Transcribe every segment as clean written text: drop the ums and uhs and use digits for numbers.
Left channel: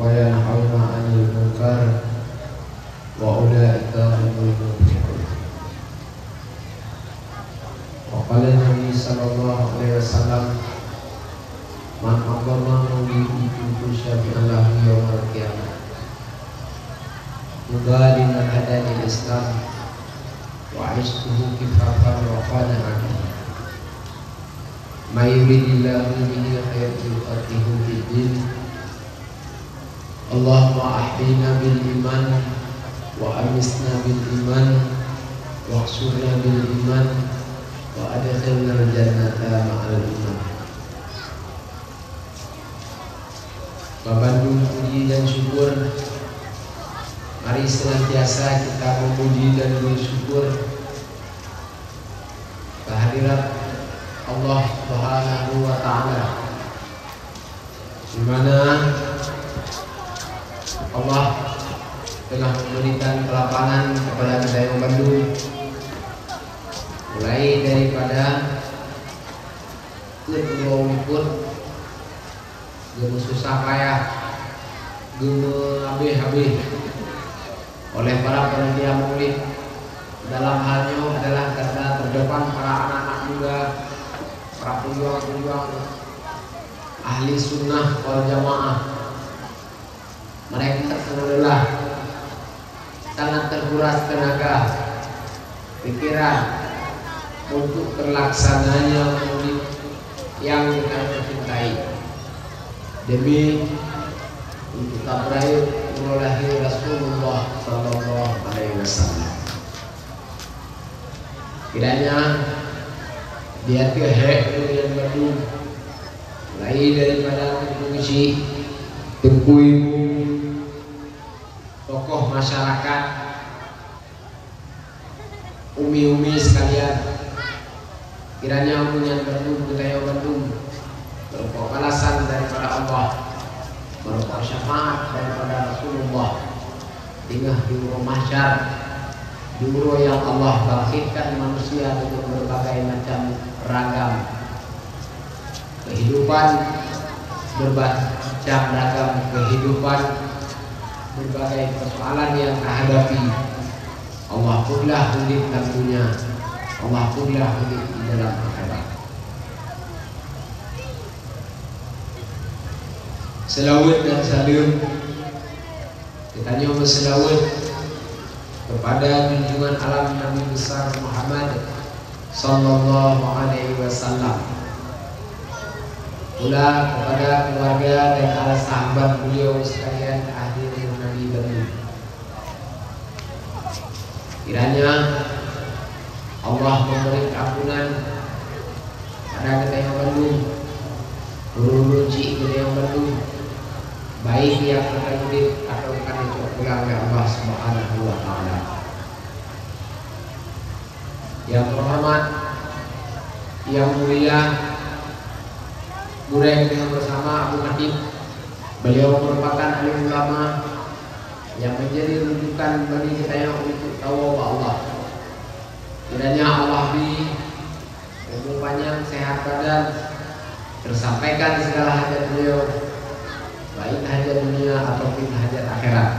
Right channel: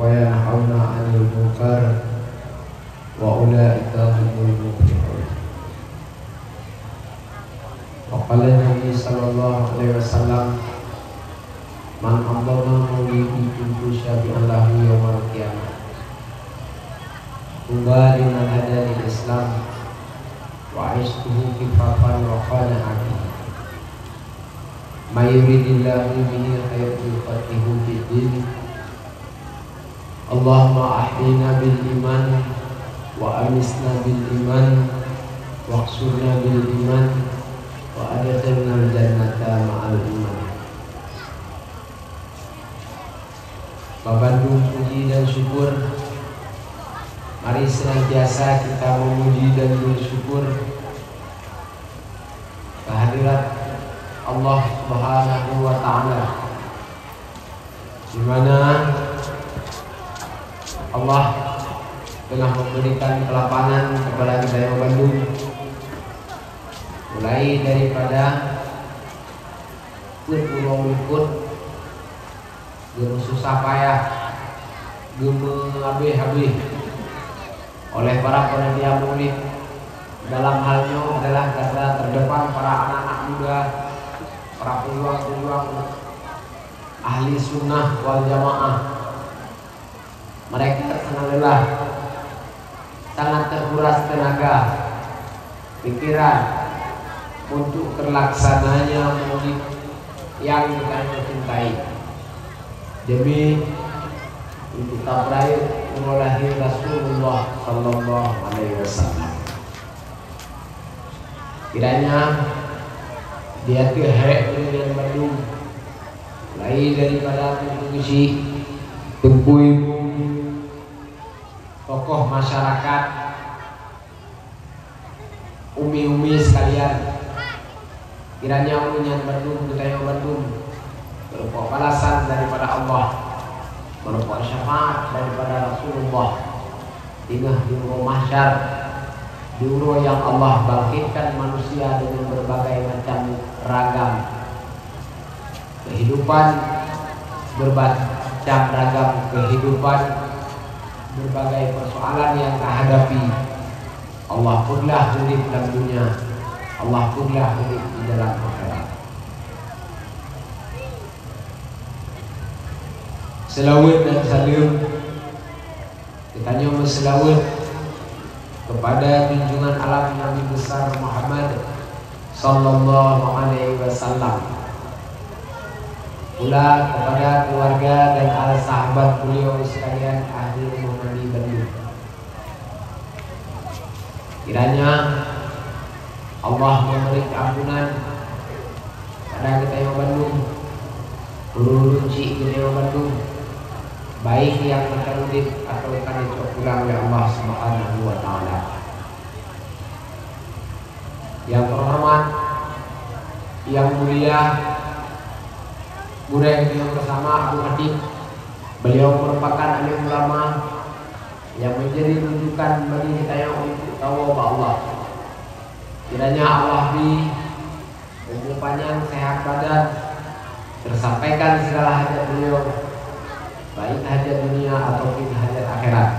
وينهون عن المنكر وأولئك هم المفلحون. وقال النبي صلى الله عليه وسلم من أقام مولدي كنت شفيعا له يوم القيامة. Kembali menghadap Islam wa aishtuhu kifafan wa qana'an. May yuridillahu bihi khairan yufaqihu fid-din. Allahumma ahdina bil iman wa amisna bil iman wa khsurna bil iman wa adkhilna al-jannata ma'al iman. Bapak puji dan syukur, mari senantiasa kita memuji dan bersyukur kehadirat Allah Subhanahu wa Ta'ala, di mana Allah telah memberikan kelapangan kepada Wilayah Bandung, mulai daripada Pulau yang susah payah habis oleh para panitia maulid. Dalam halnya adalah karena terdepan para anak-anak muda, para pejuang-pejuang ahli sunnah wal jamaah. Mereka sangat lelah, sangat terkuras tenaga, pikiran untuk terlaksananya maulid yang kita cintai, demi untuk tabraik lahir Rasulullah Sallallahu Alaihi Wasallam. Kiranya di hati yang Bandung, mulai daripada mengisi Tunku, tokoh masyarakat, umi-umi sekalian, kiranya yang Bandung, budaya Bandung berupa balasan daripada Allah, berupa syafaat daripada Rasulullah di rumah mahsyar, di rumah yang Allah bangkitkan manusia dengan berbagai macam ragam kehidupan, bermacam ragam kehidupan, berbagai persoalan yang dihadapi. Allah punlah murid dalam dunia, Allah punlah murid di dalam akhirat. Selawat dan salam kita nyoba selawat kepada junjungan alam Nabi besar Muhammad Sallallahu Alaihi Wasallam, pula kepada keluarga dan para sahabat beliau sekalian ahli Nabi Nabi. Kiranya Allah memberi keampunan pada kita yang Bandung, guru Cik yang Bandung, baik yang akan murid atau akan pulang ke Allah Subhanahu wa Ta'ala. Yang terhormat, yang mulia, guru yang bersama Abu Habib, beliau merupakan alim ulama yang menjadi rujukan bagi kita yang untuk tahu Allah. Kiranya Allah di umur panjang, sehat badan, tersampaikan segala hajat beliau, baik hajat dunia ataupun hajat akhirat.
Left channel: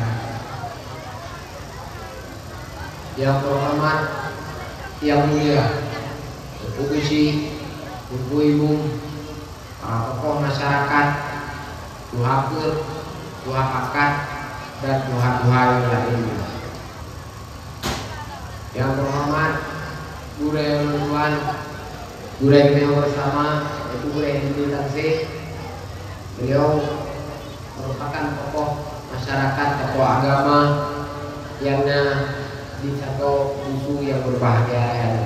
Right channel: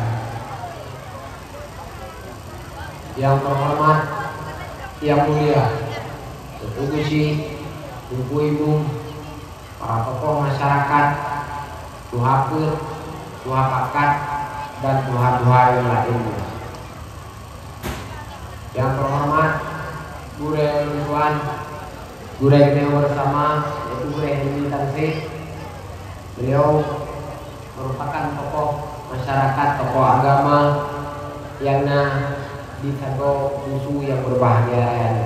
Yang terhormat, yang mulia, sepupu ibu, para tokoh masyarakat, tuhakur, tuhapakat, dan tuha-tuha yang lainnya. Yang terhormat, guru yang lusuan, guru yang bersama, yaitu guru yang dimiliki. Beliau merupakan tokoh masyarakat, tokoh agama yang di satu musuh yang berbahagia raya.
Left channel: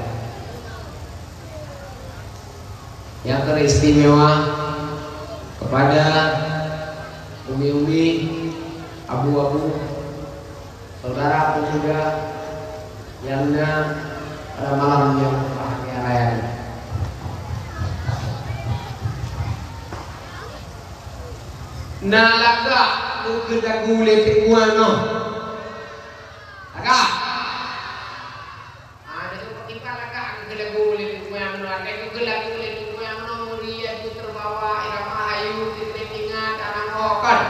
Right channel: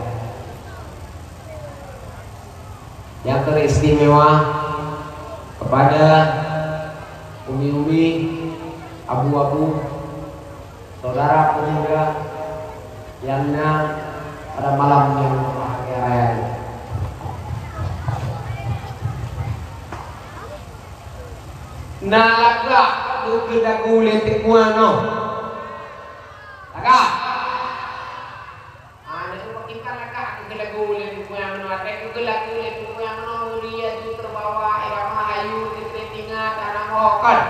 Yang teristimewa kepada umi-umi, abu-abu, saudara pemuda yang pada malam yang berbahagia raya. Nalaga tu kita kulit semua no. Agak. Ada tu pakikan agak kita kulit semua no. Ada tu kita kulit semua no. Dia tu terbawa irama ayu kita tinggal tanah rokan.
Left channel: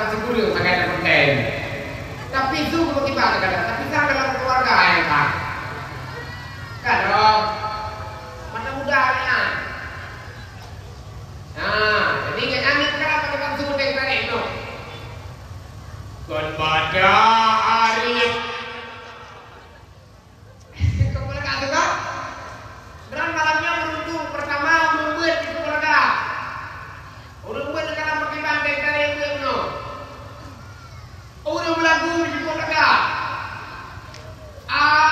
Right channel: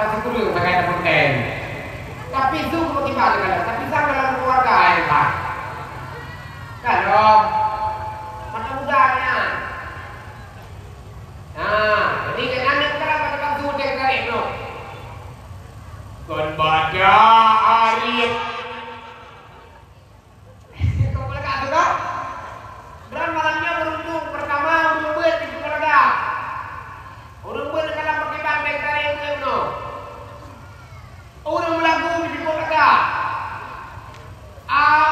pasti kudu sangat penting. Tapi itu kalau kita kadang, tapi kan dalam keluarga yang kan. Kalau mana mudanya. Nah, jadi kan sekarang pada bantu dengan itu. Kon baca Arif. Keluarga itu kan? Dan malamnya beruntung pertama untuk buat di keluarga. Orang buat dalam pakai bangkai dari itu. Orang berlagu di keluarga.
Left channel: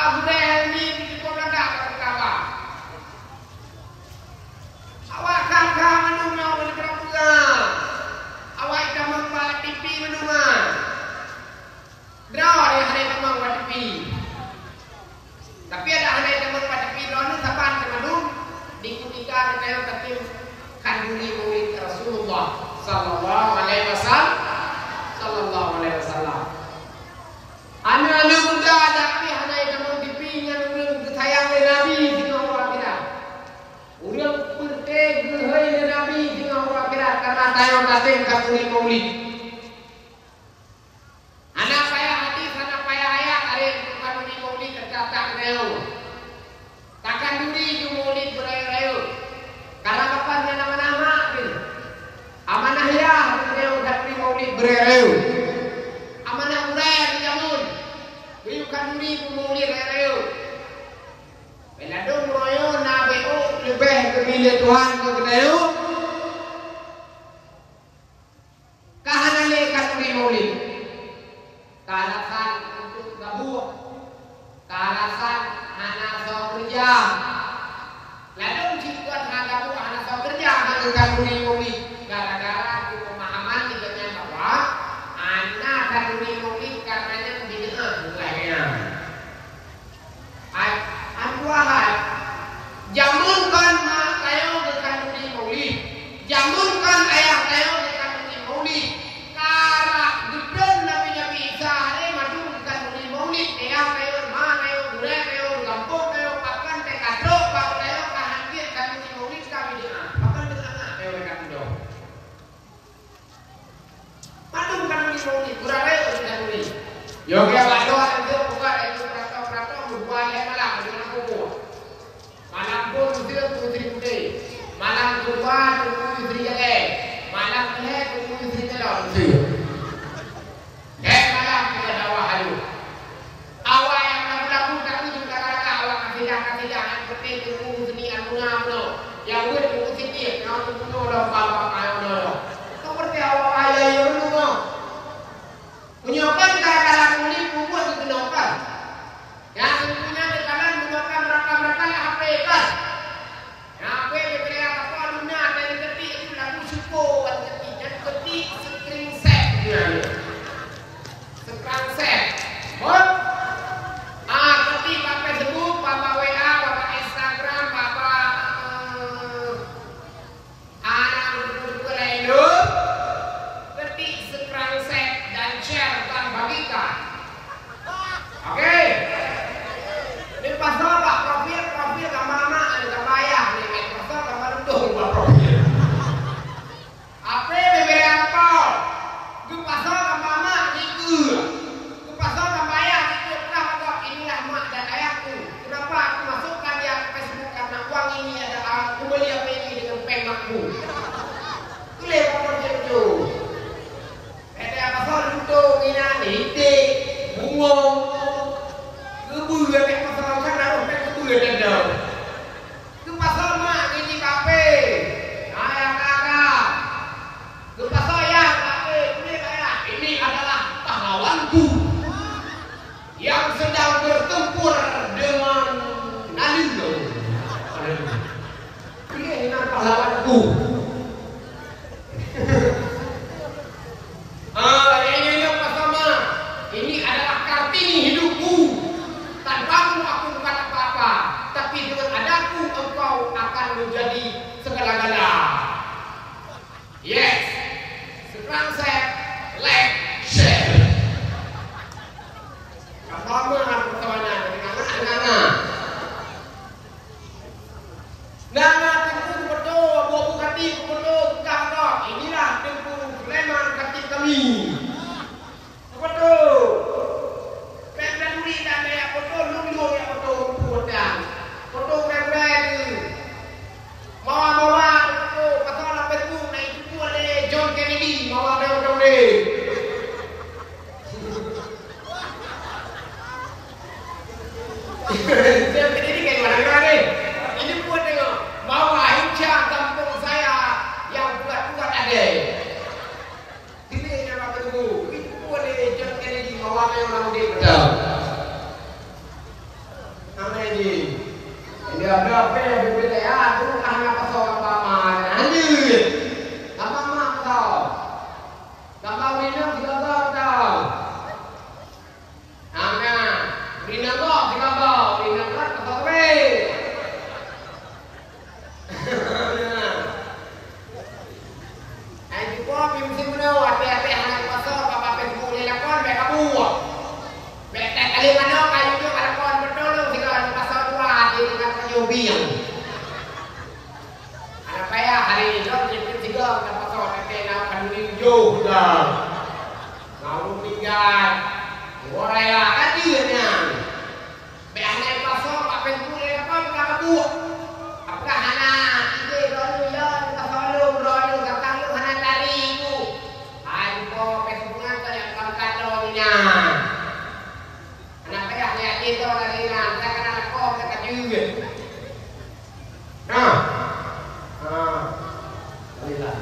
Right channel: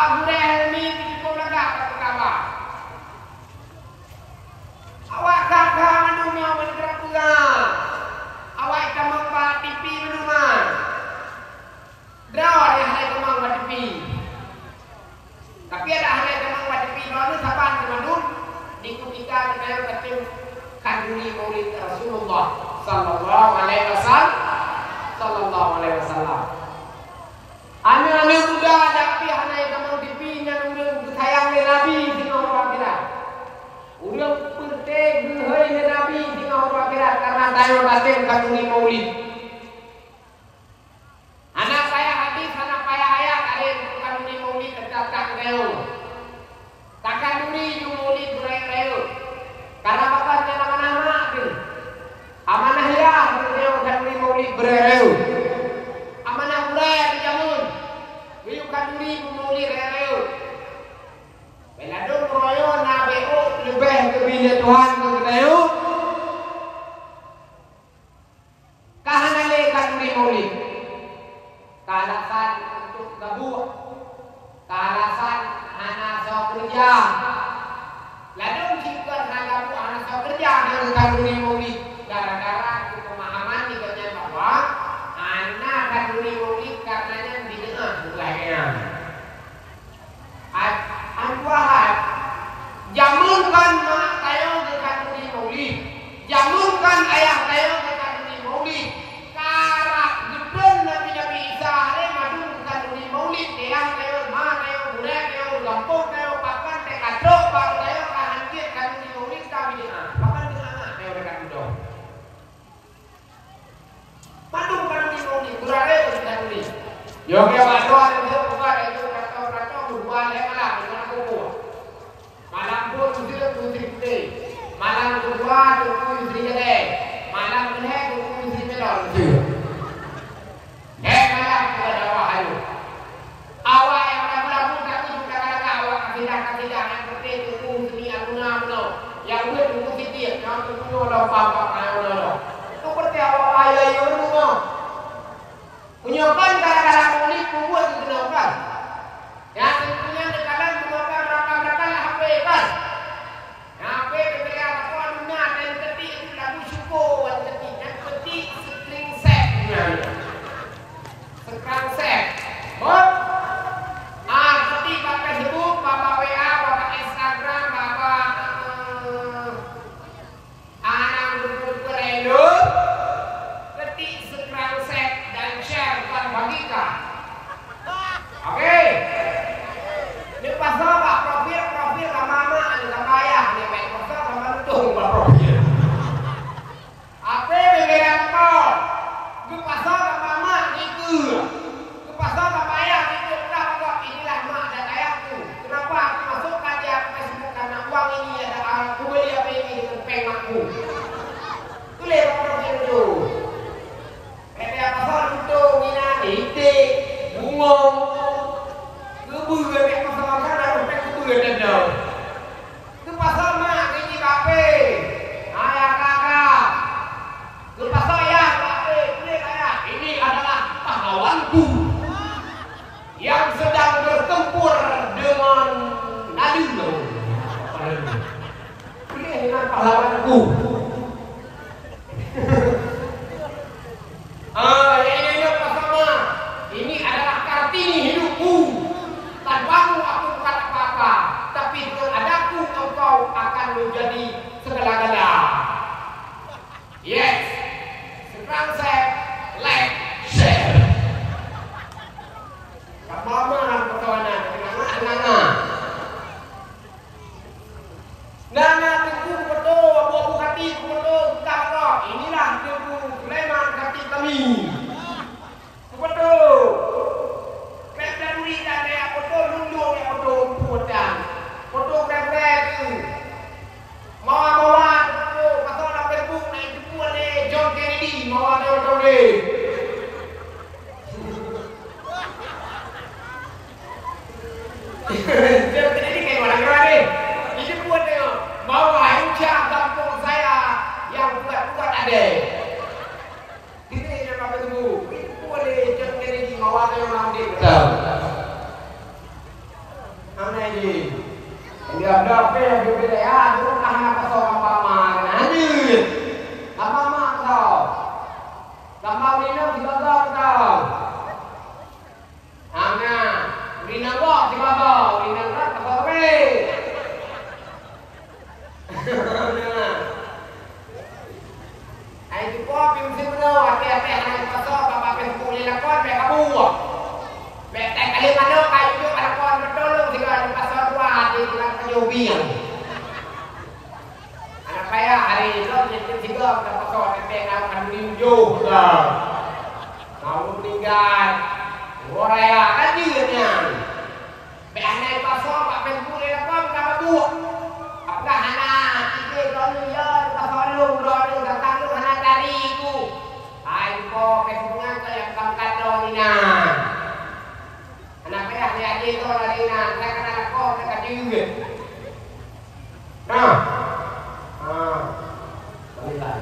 Budaya ini di keluarga pertama. Awak kakak manunya menikah pula. Awak kamang pak TV menuman. Draw yang ada kamang pak TV. Tapi ada kamang pak TV draw ni saban kemadun dikutikan dengan ketim kandungi maulid Rasulullah sallallahu alaihi wasallam. Anak-anak muda tapi anak kamang TV yang belum sayang Nabi di orang kita. Ulang penting hai Nabi di orang akhirat karena tayo natin kandungi maulid. Anak saya hadis, anak saya ayat ada yang kandungi maulid tercatat reo. Takkan duri yung maulid reo. Karena bapaknya nama-nama amanah ya reo kandungi maulid reo. Amanah budaya di jamun. Biyuk kandungi maulid reo. Beladong royo na beo lebih kepilih Tuhan ke kita. Kahanale kandungi maulid. Alasan untuk gabung, alasan anak sok kerja. Lalu jika anak gabung anak sok kerja dengan kandungi maulid, gara-gara pemahaman juga bahwa anak kandungi maulid karenanya didengar mulainya. Anjuahan, jamunkan mak tayo dengan kandungi maulid, jamunkan ayah tayo dengan kandungi maulid. Karak gudon nabi-nabi Isa madu kandungi maulid yang tayo ma tayo budaya tayo gampung tayo kapan tayo kadok pak tayo kahancir kandungi maulid kami dia. Kapan dengan tayo kandung. Madu kandungi maulid budaya kandungi. Yoga badoa itu bukan itu kata-kata bukan yang malam dengan buku. Malam pun itu putri-putri. Malam kedua itu putri jelek. Malam kedua itu putri jelek. Malam kita bawah ayu. Awak yang berlaku tak itu kata-kata awak kasih jangan seperti itu putri aluna no. Yang berputri dia yang tu no papa ayo no. Seperti awak ayah yo no. Punya kan kadang-kadang ini buku apa yang orang kita? Mana ini? Ini ada apa yang berbeda ya? Itu karena persoalan paman. Anjir. Apa mak kau? Tambah minum siapa kau? Ana, minum kau siapa? Minum kau apa? Ai di po pim sim no ate hang paso papa pen kuli la kon be kabu. Be ta kali mano kayu yo ala kon betul sila di paso dua ati dengan kayu biang. Anak saya hari itu di tiga ke paso ate ngau kan minggu dah. Ngau tinggal. Oraya adirnya. Be anai paso papa pen kuli la kon kabu. Apakah hana ide roni yo paso lu roni Facebooknya ke yang kantadoninya. Anak saya lihat itu larinya, saya kena lekor saya kajut. Nah, berilah.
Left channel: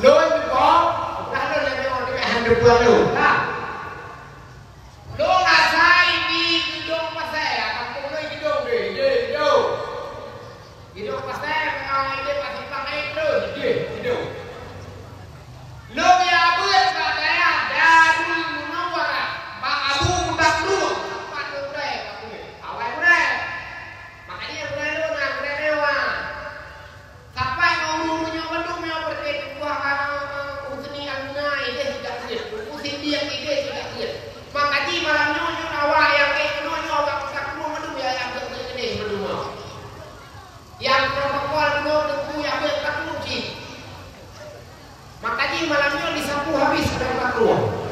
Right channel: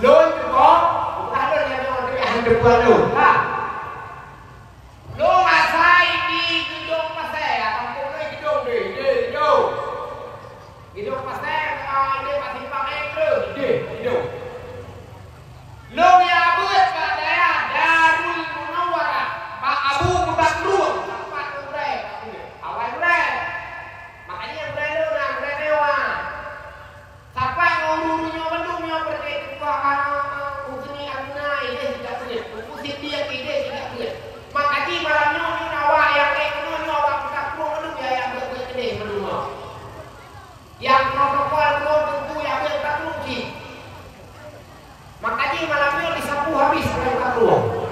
Lo itu kok, bukan lo yang mau yang berbuat lo, lah. Lo ngasai di gedung pasai, kampung lo gedung deh, gedung pasai, ini pasti pakai hidup. Lo ya buat kadaya Darul Munawwarah, Pak Abu Takrur, tempat urai, awal urai. Makanya urai lo nak urai dewa. Sampai ngomongnya wendungnya berkait buah usni abunya ide tidak boleh, usin dia ide tidak boleh. Makanya malamnya nyawa yang nyawa takrur wendung ya yang berkede wendung. Yang protokol lo tentu yang bertakluk. Makanya malamnya disapu habis oleh takluk.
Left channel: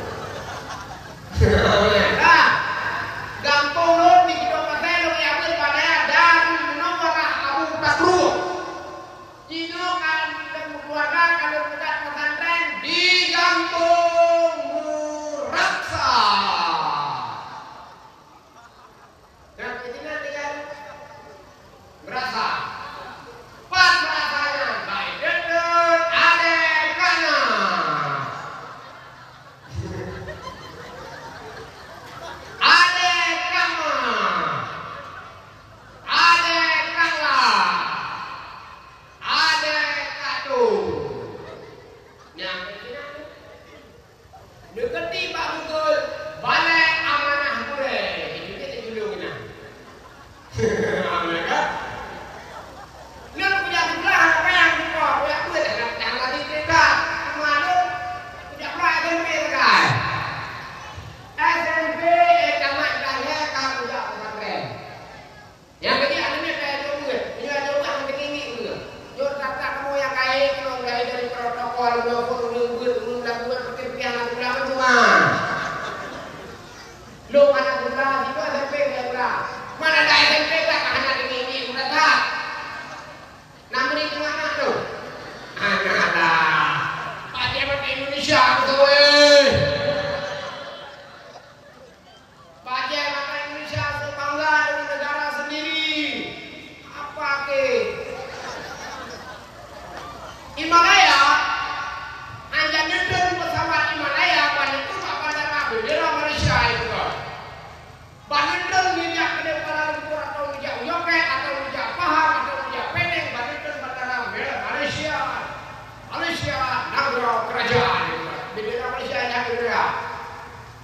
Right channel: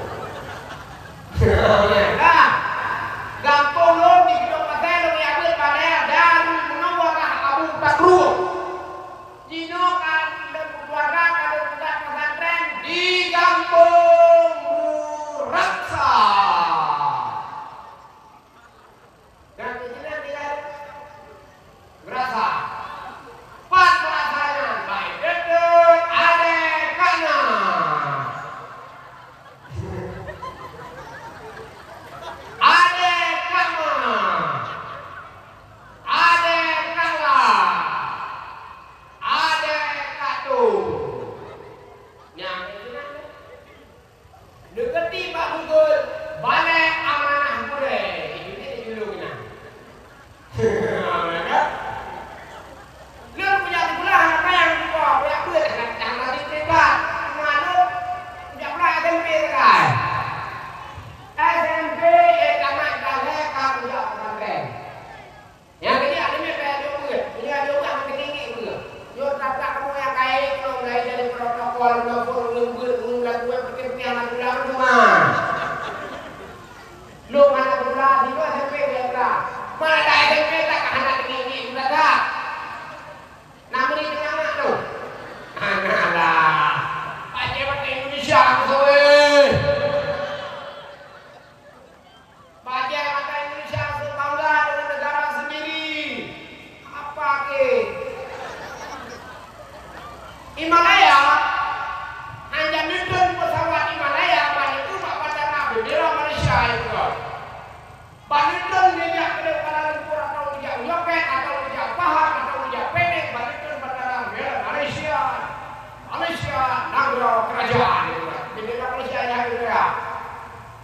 Nah, gampang lo di gedung pasai lo yang pada Darul Munawwarah Abu Takrur. Dino kan keluarga kalau bukan pesantren di Kampung Raksa. Dan di sini tinggal berasa. Pas rasanya baik dedek adek kanan. Adek kanan. Adek kanan. Adek katu. Nyampe sini. Deketi Pak Unggul balik amanah boleh. Ini kita dulu kena. Amin kan? Lu punya pula apa yang kau punya pula jangan lagi tidak malu punya pula SMP kan SMP kamat kalah kamu punya pesantren yang ketiga ini kayak juga ini ada orang ketinggi juga jor kata kamu yang kaya kalau dari protokol belum lakukan seperti yang ulama Tuhan lu anak pula itu SMP pula mana ada SMP tak anak tinggi sudah tak. Namun itu anak tu, anak lah. Pak Jebat Indonesia kesuai. Pak Jebat Indonesia bangga dengan negara sendiri. Apa ke? Himalaya, hanya nonton pesawat Himalaya, banyak tu pak bandara bendera Malaysia itu kan. Banyak tu minyak kedai para lumpur atau minyak Yoket atau minyak Pahang atau minyak Penang, banyak Malaysia, negara kerajaan itu kan. Bendera Malaysia yang bendera.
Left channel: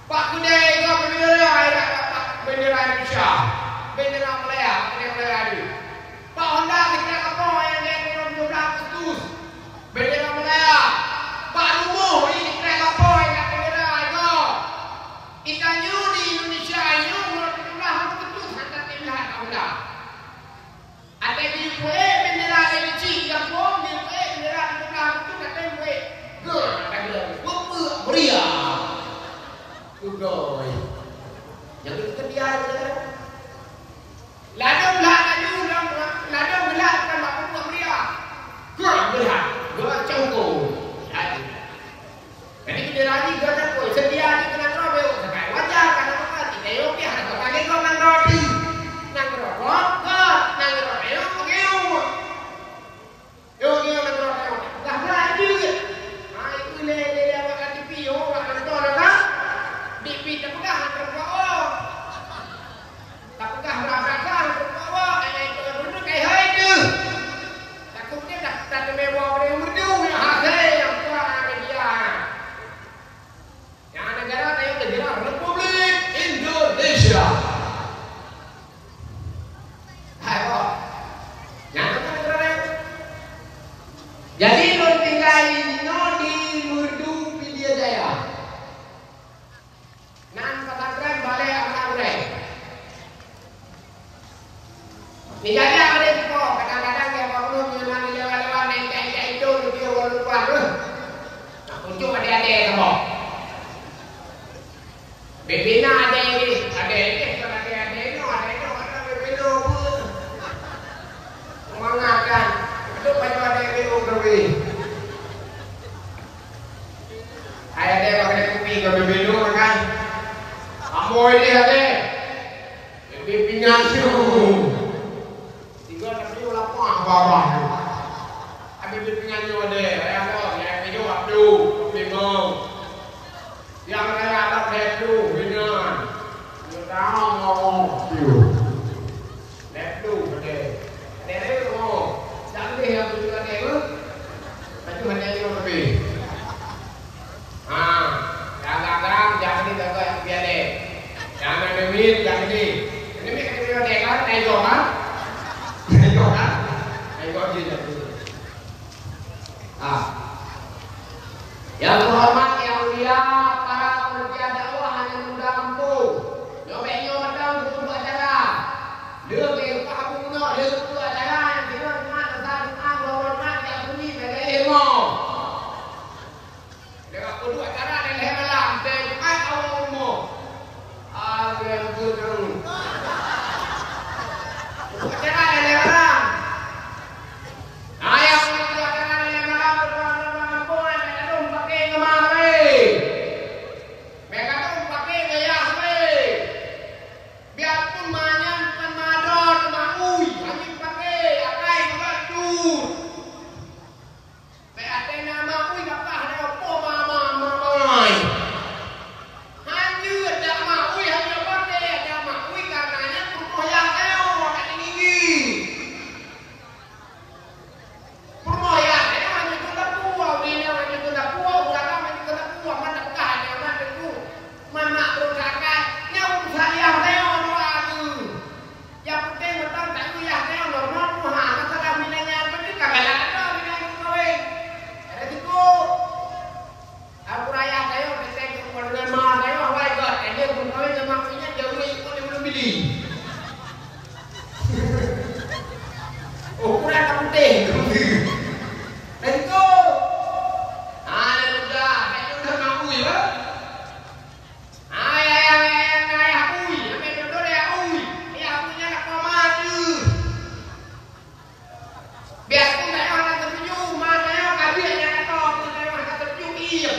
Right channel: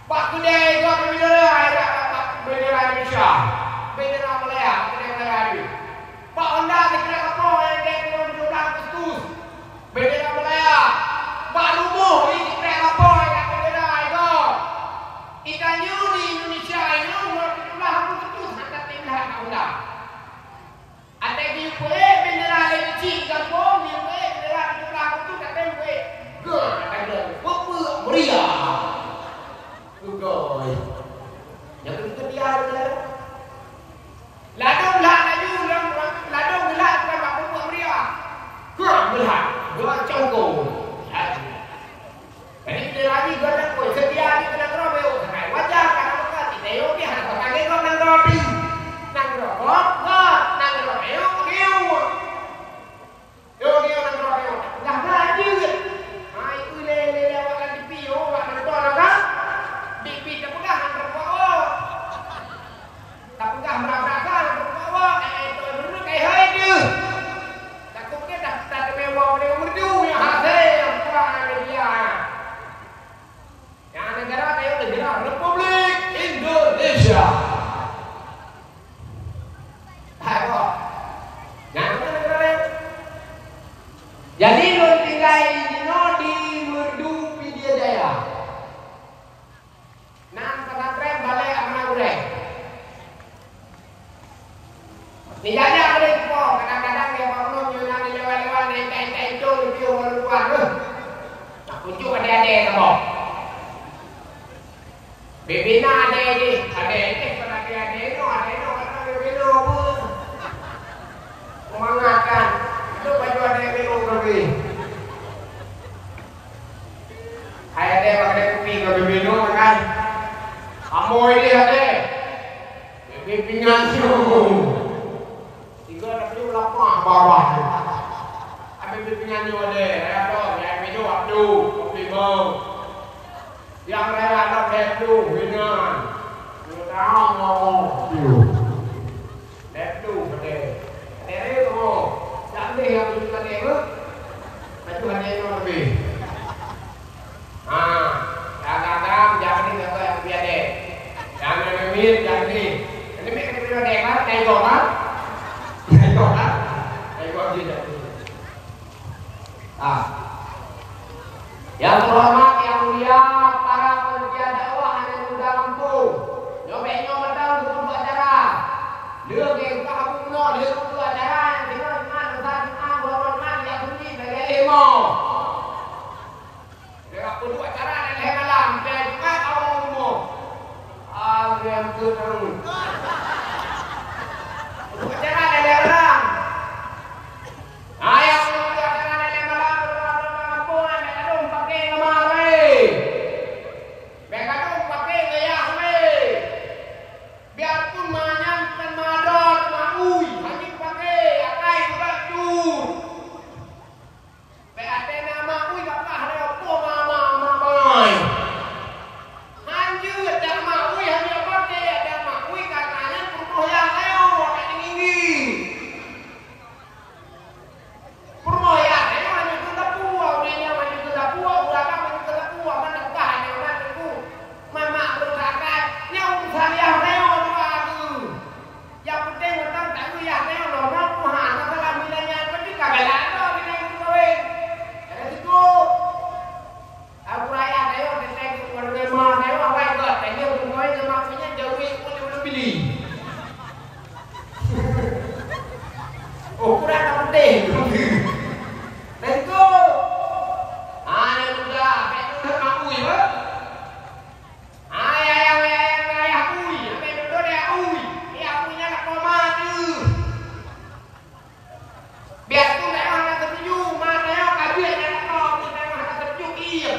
Pak Kedai juga bendera bendera Indonesia. Bendera Malaya, bendera Malaya itu. Pak Honda bendera kapal yang dia minum 17 Agustus. Bendera Malaya. Pak Lumuh ini bendera kapal yang bendera itu. Ikannya di Indonesia ini umur 17 Agustus hantar timbahan Honda. Ada di kue bendera Indonesia yang bom di kue bendera itu kata kue ger ada meriah juga yang itu dia Hai ada pakai kopi nggak minum kan? Amoy dia deh. Pingan siu. Tiga tapi lapar bawah. Abi pingan yo deh. Ayam tu, ayam itu abdu, kopi bau. Yang saya ada deplu, pingan. Tahu mau siu. Deplu deh. Dere tu, jangan deh yang juga deh. Tapi hanya yang lebih. Agak-agak jangan ni jaga yang biar deh. Jangan memit, jangan ni. Ini mereka punya deh kan, nego kan? Nego kan? Nego dia jadi. Yang terhormat, yang mulia, para pekerja dakwah yang sudah mampu. Nyobeknya medang untuk acara. Dia ke Pak Kuno, dia untuk acara yang dia dengan usaha hormat yang sunyi bagi ilmu. Dia untuk acara dan leher malam, dan mai awal umur. Agam terus. Untuk acara dan leher malam. Ayam untuk acara dan leher malam berdoa mereka dong pakai kemari. Mereka dong pakai gaya me. Biarpun manyan pemadon maui, hanya pakai akai baju. Beate nama ui kapah ada apa mama. Hanjur dak maui hanya pakai ada maui katanya purmo yang saya ada tinggi. Purmo ya, saya hanya tunda puau, dia hanya tunda puau, belakang hanya tunda puau, mana bukannya mana tu. Mama berusaha nyau saya doa tu. Yang penting orang tak lihat saya normal Tuhan masalah milenya penting kagak ada milenya kowe. Ada situ. Aku raya saya teteh dengan mama saya awal ikut. Dia pun kowe sama punya jauh ikut dia belum beli. Ukuran tak penting. Dan itu. Sudah, saya udah ngaku ya. Biarpun saya hanya tersenyum, matanya kajiannya kau, saya hanya tersenyum diam.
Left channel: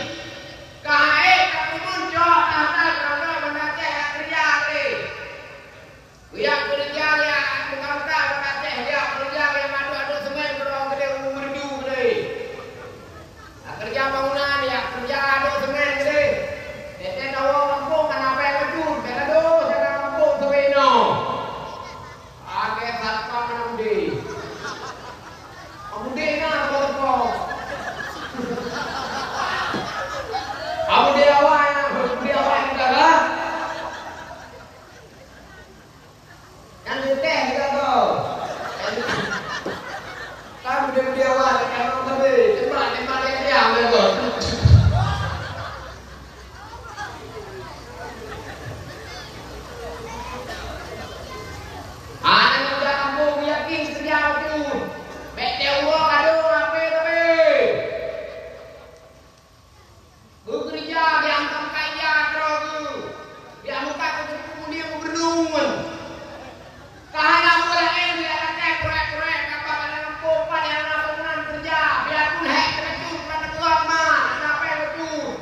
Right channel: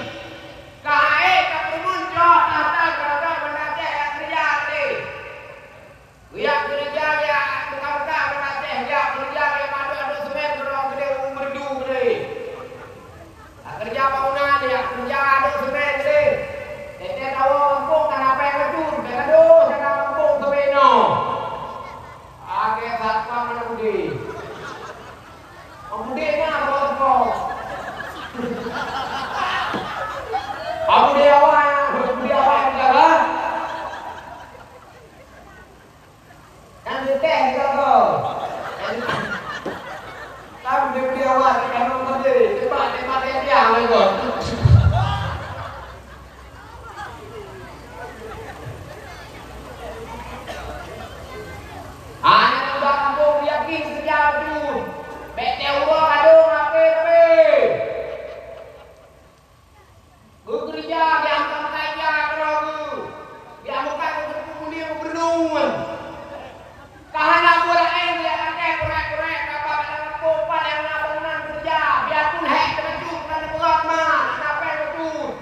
Kae tak muncul, tata jodoh mendatang kerja ni. Dia kerja dia, buka-buka mendatang dia kerja dia madu semen kerong gede umurdu gede. Kerja bangunan dia kerja adu semen gede. Dia tahu kampung kan apa yang kecun, beradu saya kampung seweno. Agak satpam menunggu. Amunde na apa? Amunde awak enggak? Kan teh kalau. Kamu dia awak kan tadi. Cepat dia ambil. Anak sudah kampung yakin kerja betul. Bete urang aduh ngape tapi. Bekerja yang sama kaya kerogu. Dia muka ketemu dia berdua. Kahana bola dia kakek korek apa dalam kopan yang ngapungan kerja. Biarpun hai terjun karena berat mah, kenapa betul.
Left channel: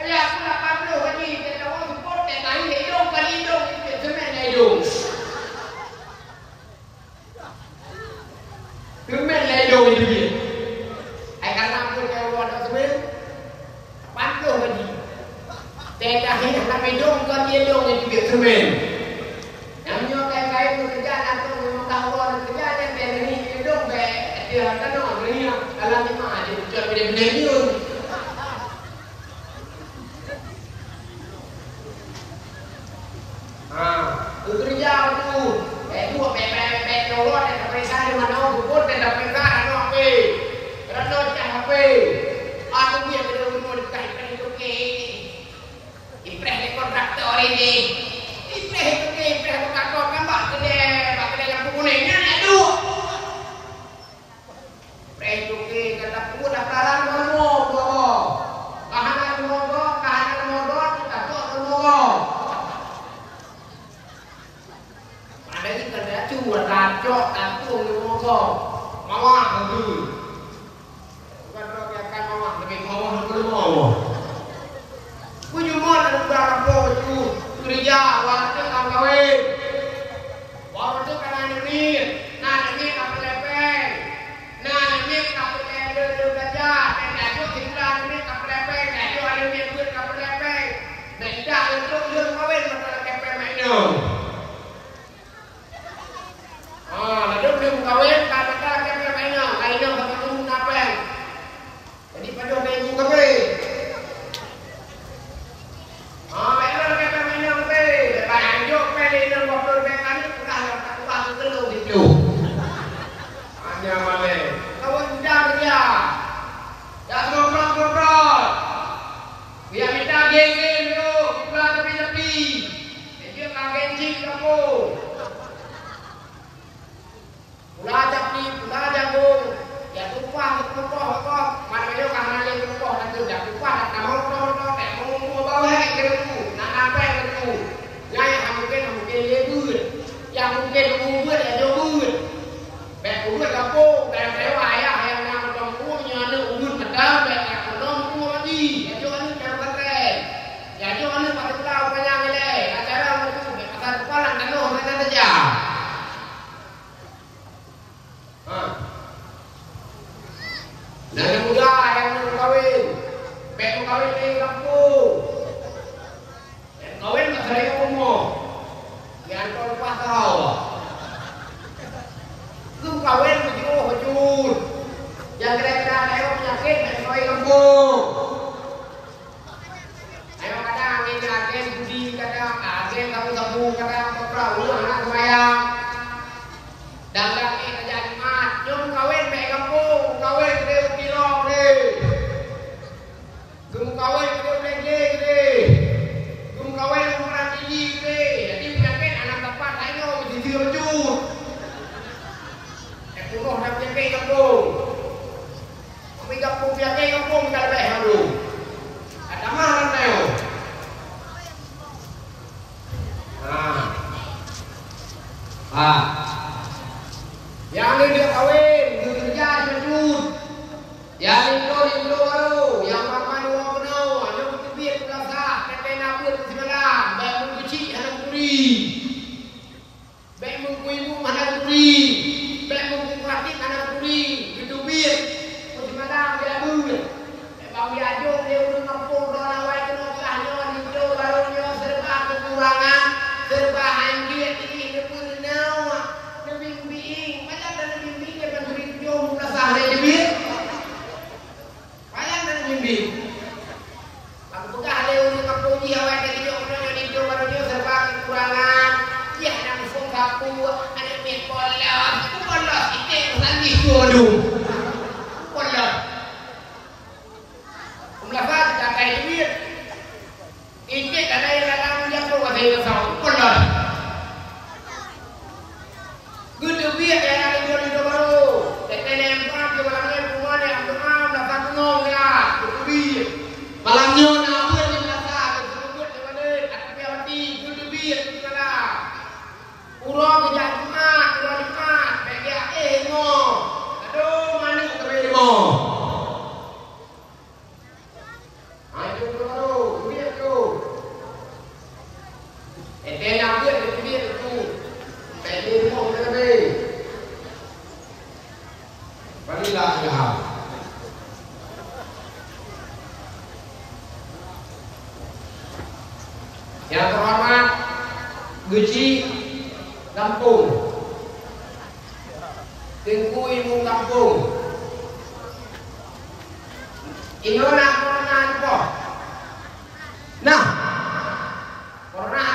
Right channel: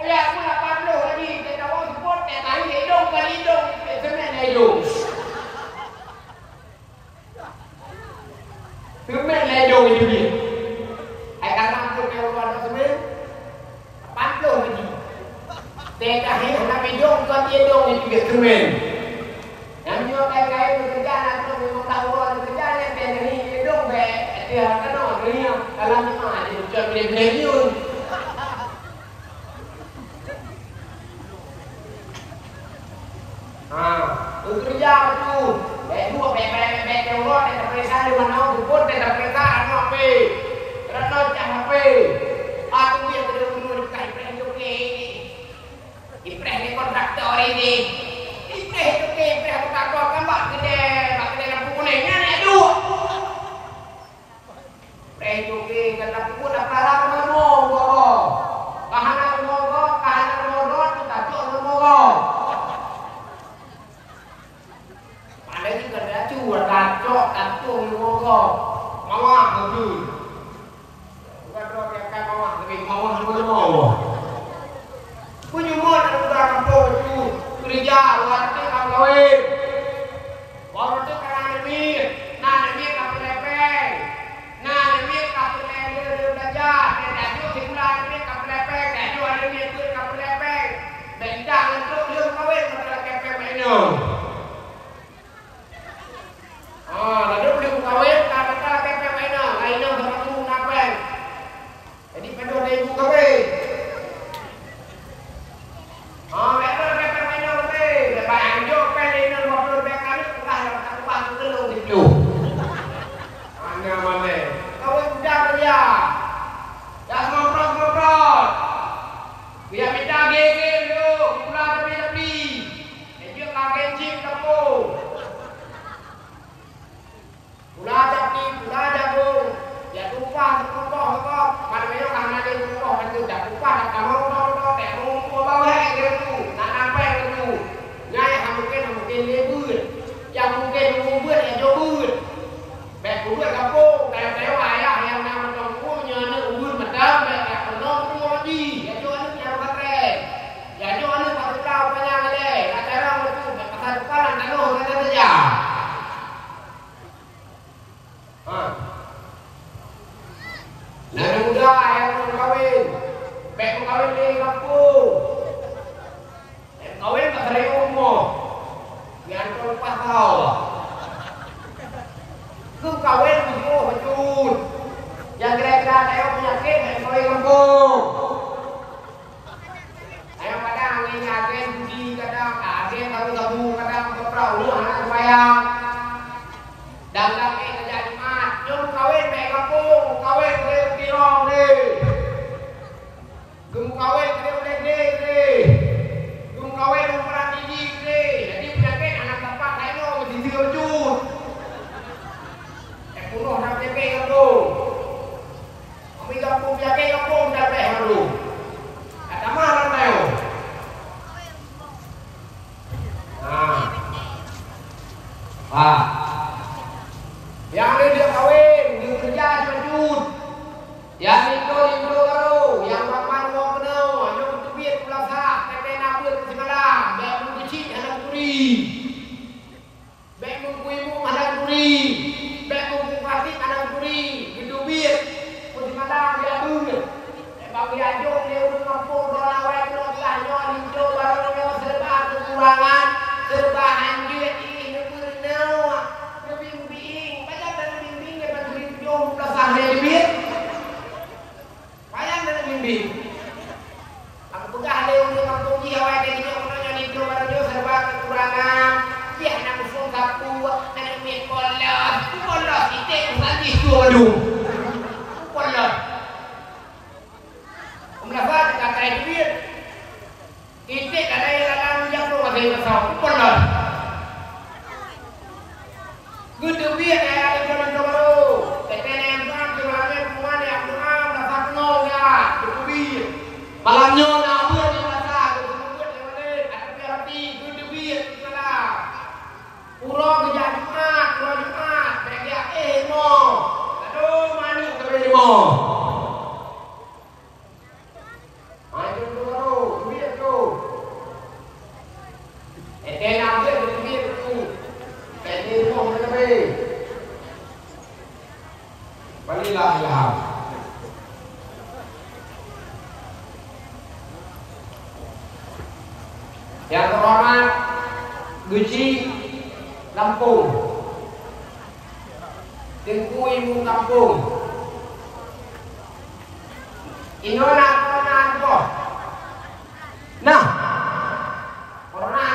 Biarpun 80 lagi kita mau support tahi hidung kali hidung itu semen hidung. Kemen ledong itu dia. Karena pun kalau ada semen, 80 lagi. Tidak hendak hidung kau hidung itu dia semen. Yang nyawa kain-kain tu kerja nanti memang tahu orang kerja yang dia ni hidung be dia kan orang ni kalau ni mah dia cuma beli nyun. Kerja tu. Dua bebek Allah dan mereka di mana kubur dan mereka anak pe. Rata cah pe. Aku dia benar-benar dekat ipreh itu ke. Ipreh ni kontraktor ini. Ipreh itu ke ipreh kontraktor kan bak kedai lampu kuningnya ni tu. Ipreh itu ke kata kubur dah kalah mana bawa. Kahanan modot kita tu modot. Đấy cái đã chua đàn cho đàn tuồng như vô rồi mà hoảng rồi quan trọng là cái mà hoảng là cái khó không có màu Gem kawin gede belede gede. Gem kawin umrah biji gede. Jadi penyakit anak bapak saya mesti diujud. Punuh nak penyakit kampung. Tapi kampung penyakit kampung tak baik dulu. Ada malam tayo. Yang ini dia kawin, dia kerja di Madud. Yang itu baru, yang makan uang penuh, yang bertubir pulasah, kakek nabi itu semalam, baik mengkucik halang puri, baik mengkuimu halang puri, baik mengkukatik halang puri, bertubir, semalam dia bunga. Bagi ajung dia udah ngampung orang lain kenotahnya, itu barunya serba kekurangan, serba anjir ini pernah. Lebih payah dan mimpi. Aku pegah leh untuk kampung dia awal dari dia orang yang itu baru dia serba kekurangan. Dia nak musung kapu, nak main bola kita lagi dulu. Bola. Umlafat kita kayak duit. Kita ada yang dalam jangkau ada yang tahu bola. Gede duit yang ada di baru. Malamnya nak buat di masa kita buat di mana ada piarati guru biar kita lah urang kerja Jumat baik mo aduh mana kita mo ayo baru dia tu nak dia tu baik mo kita ni balilah ya. Yang terhormat Guci Lampung, Tengku Ibu Lampung. Inolah corona apa? Nah, corona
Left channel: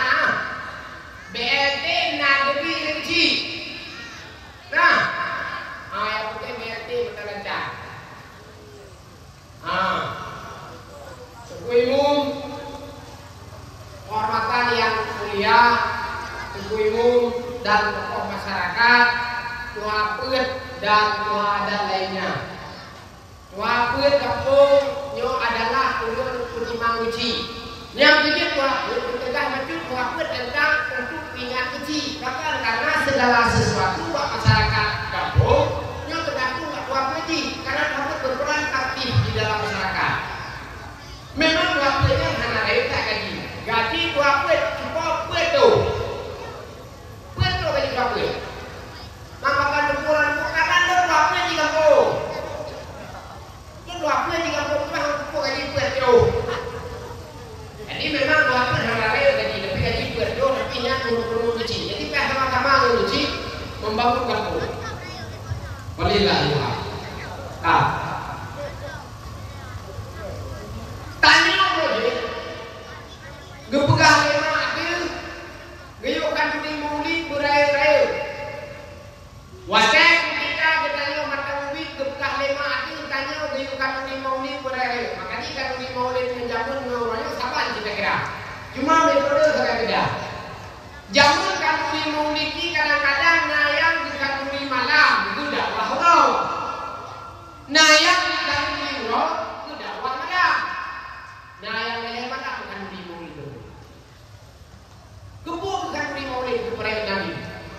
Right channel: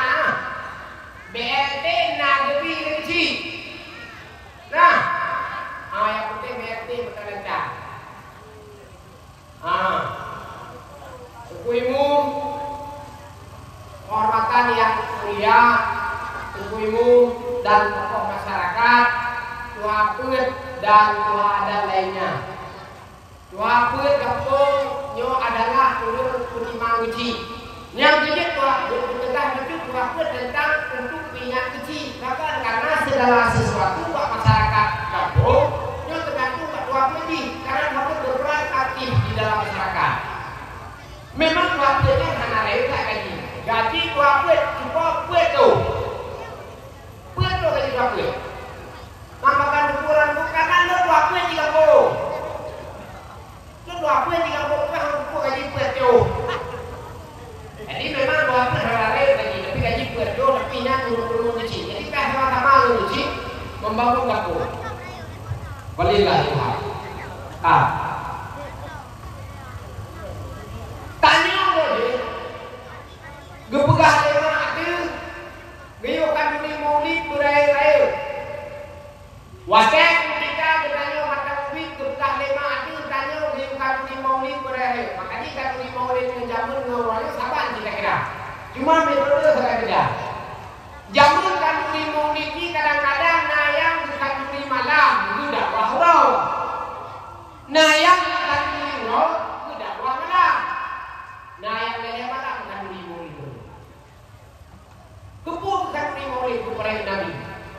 BLT nak lebih kecil. Nah, yang penting BLT betul lancar. Tengku Ibu kehormatan yang mulia, ibu-ibu dan tokoh masyarakat, tua put dan tua adat lainnya. Tua put kampung nyo adalah ulun Kucimang Uci. Yang jadi tua tegah maju tua put tentang untuk pingat kecil. Karena segala sesuatu buat masyarakat kampung nyo tergantung buat tua put karena tua put berperan aktif di dalam masyarakat. Memang tua put kan hanya lain tak gaji. Gaji dua kuit, cukup kuit tu gaji dua kuit. Makan ukuran bukan kan dua kuit di kampung. Dua kuit di kampung tu yang cukup gaji kuit tu. Jadi memang dua kuit halal gaji, tapi gaji kuit tu tapi nya turun kecil. Jadi kita sama-sama kecil membangun kampung. Balilah Tuhan. Tanya boleh. Gepegah lema ada gayukan duri maulid berai-rai wajah kita bertanya mata maulid gepegah lema ada tanya gayukan duri maulid berai-rai makanya kan duri maulid menjamun ngawalnya sabar kita kira cuma metode saya kira jamun kan duri maulid ini kadang-kadang nayang bukan duri malam itu dakwah roh nayang bukan duri roh itu dakwah malam nayang lele malam bukan duri maulid kumpulkan di maulid kepada Nabi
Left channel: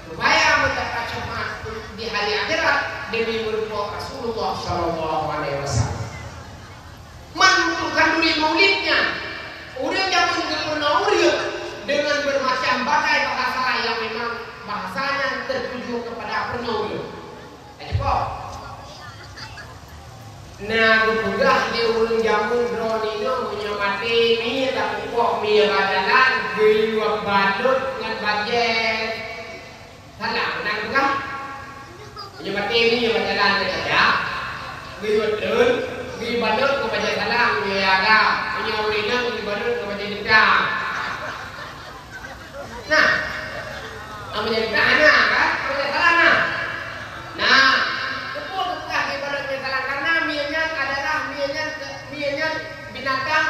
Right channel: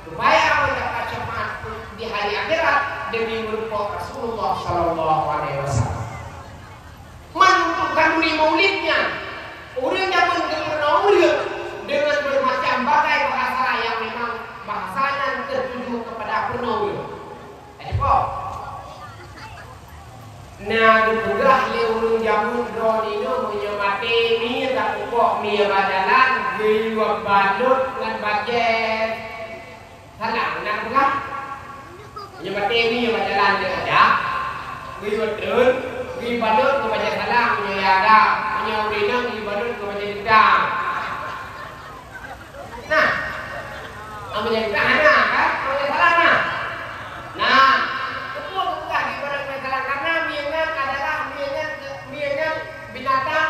supaya mendapat syafaat di hari akhirat demi merupakan Rasulullah Sallallahu Alaihi Wasallam. Menentukan di maulidnya orang yang mengenal dengan bermacam bagai bahasa yang memang bahasanya tertuju kepada penulis. Apa? Nah, kemudah lewat jamun drone itu punya mati ni tak pokok ni badalan gayuak badut dengan bajet salang nak bukan punya mati ni badalan saja gayuak drone gayuak badut dengan bajet salang punya ada punya urina gayuak badut dengan bajet udang. Nah, ambil udang anak kan, ambil salang nah. Nah, karena mianyan adalah mianyan binatang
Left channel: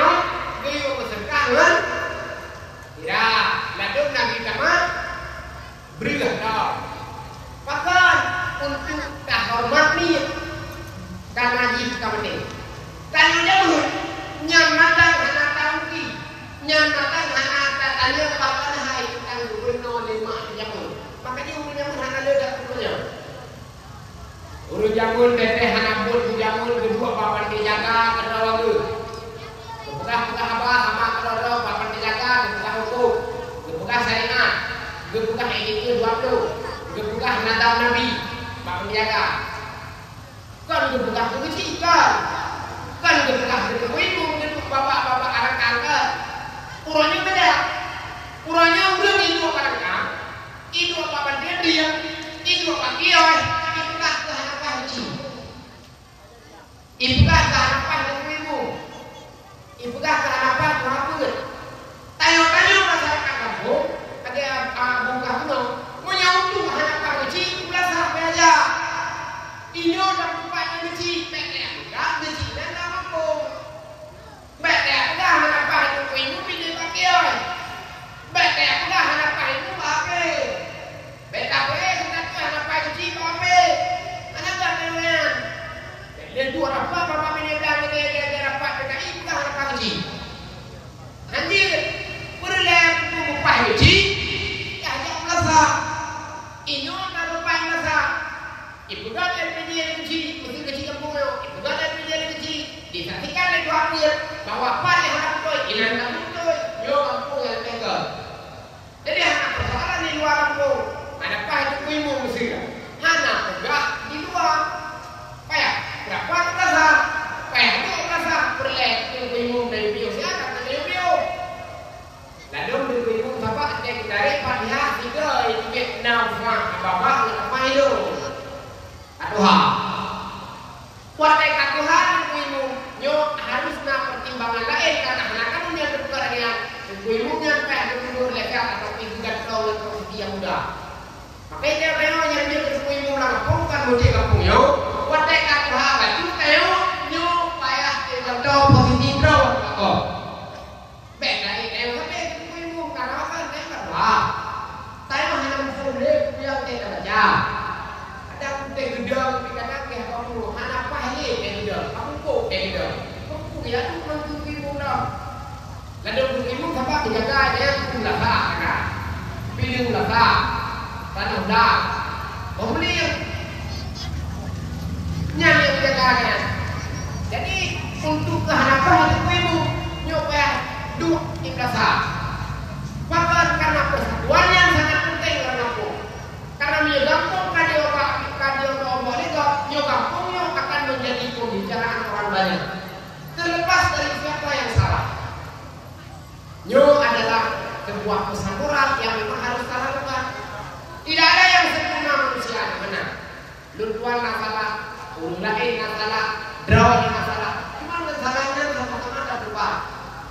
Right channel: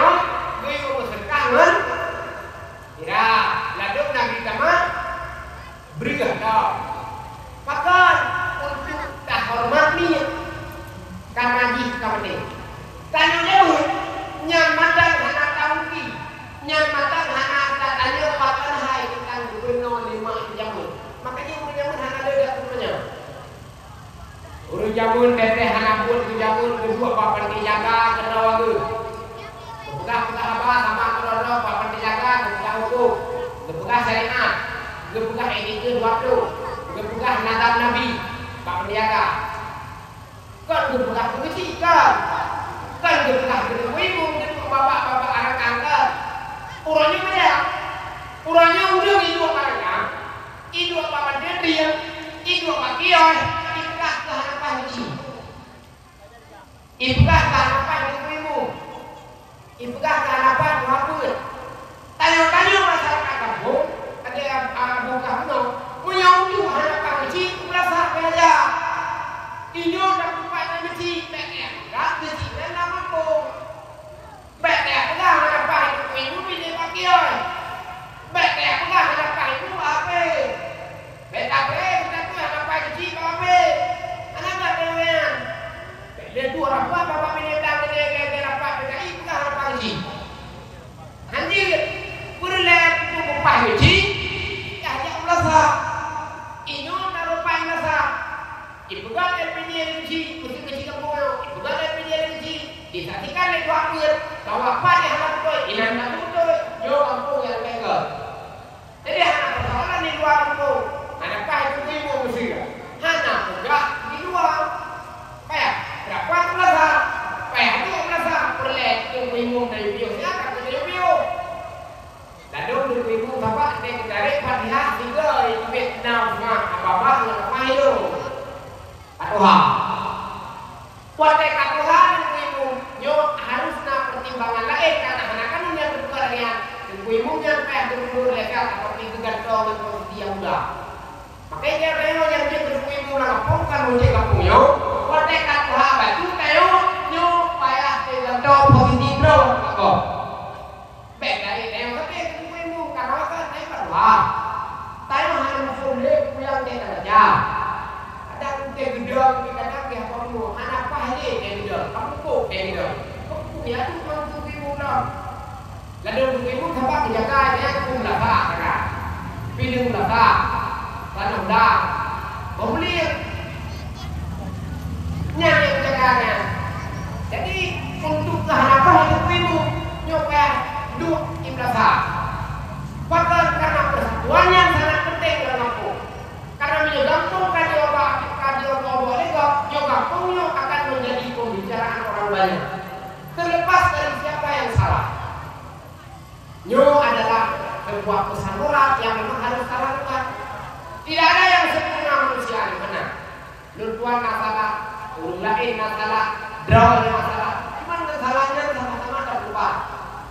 nyawa gayo berserkangan tidak ladung lagi sama berikan dong pakai untuk tak hormat ni karena jika penting tanya jauh nyamatan anak tangki nyamatan anak tanya pakai hai tentang gubernur lima jamun makanya urut jamun anak ledak punya urut jamun teteh anak pun jamun kedua papan dijaga kerawang tu kepegah apa sama kerawang papan dijaga kepegah hukum kepegah syariat kepegah etika dua tu kepegah nadam nabi papan dijaga kan kepegah kebencian kan kepegah ibu kedua bapak-bapak anak angkat urangnya beda urangnya udah hidup orangnya hidup papan dia hidup pakian itulah keharapan haji itulah keharapan ibu itulah keharapan muhammad tanya-tanya masyarakat kampung ada buka gunung menyautu harapan haji itulah sampai aja inyo dan lupa haji peknya enggak haji dan mampu peknya enggak harapan ibu pilih pakian peknya enggak harapan ibu pakai peknya harapan haji pakai anak enggak dengan dan dua rapat bapak menyebutkan dia rapat PKI bukan harapan haji hadir berlaku tubuh haji ya Allah sah inyo naruh paling sah ibu kan LPD haji mesti haji kampung ibu kan LPD haji disaksikan oleh dua akhir bahwa apa yang harap itu inan kampung itu yo kampung yang pegang jadi anak persoalan di luar kampung ada apa itu ibu mesti anak enggak di luar payah berapa plaza payah itu plaza perlek yang bingung dari bio siapa dari bio lalu dari bingung bapak dari Fatihah tiga itu Vietnam bapak nggak apa itu Tuhan warga Tuhan bingung nyo harus nak pertimbangan lain karena anak kan punya perkara bingungnya payah mundur legal atau ibu gantong atau dia muda makanya dia yang dia bingung lah kampung kan muncul kampungnya warga Tuhan baju tayo nyo payah gantong positif bro oh baik dari tayo tapi bingung karena apa tayo berwah tayo hanya boleh yang dia baca ada kuntai gedang kadang dia kamu anak pahli dia gedang kamu kok dia gedang kamu dia tu mantu bingung dah lalu bingung siapa dijaga dia pun dah tak kan bingung dah tak tanah dah membeli yang dijagakan jadi untuk keharapan itu ibu nyoba dua imlasa bahkan karena persatuan yang sangat penting dalam kampung karena minyak kampung kadioba itu minyak kampung akan menjadi pembicaraan orang banyak terlepas dari siapa yang salah nyo adalah sebuah pesan moral yang memang harus kita lakukan tidak ada yang sempurna manusia di mana luntuan masalah urung lain masalah, drawal masalah. Cuma masalahnya sama-sama ada berubah.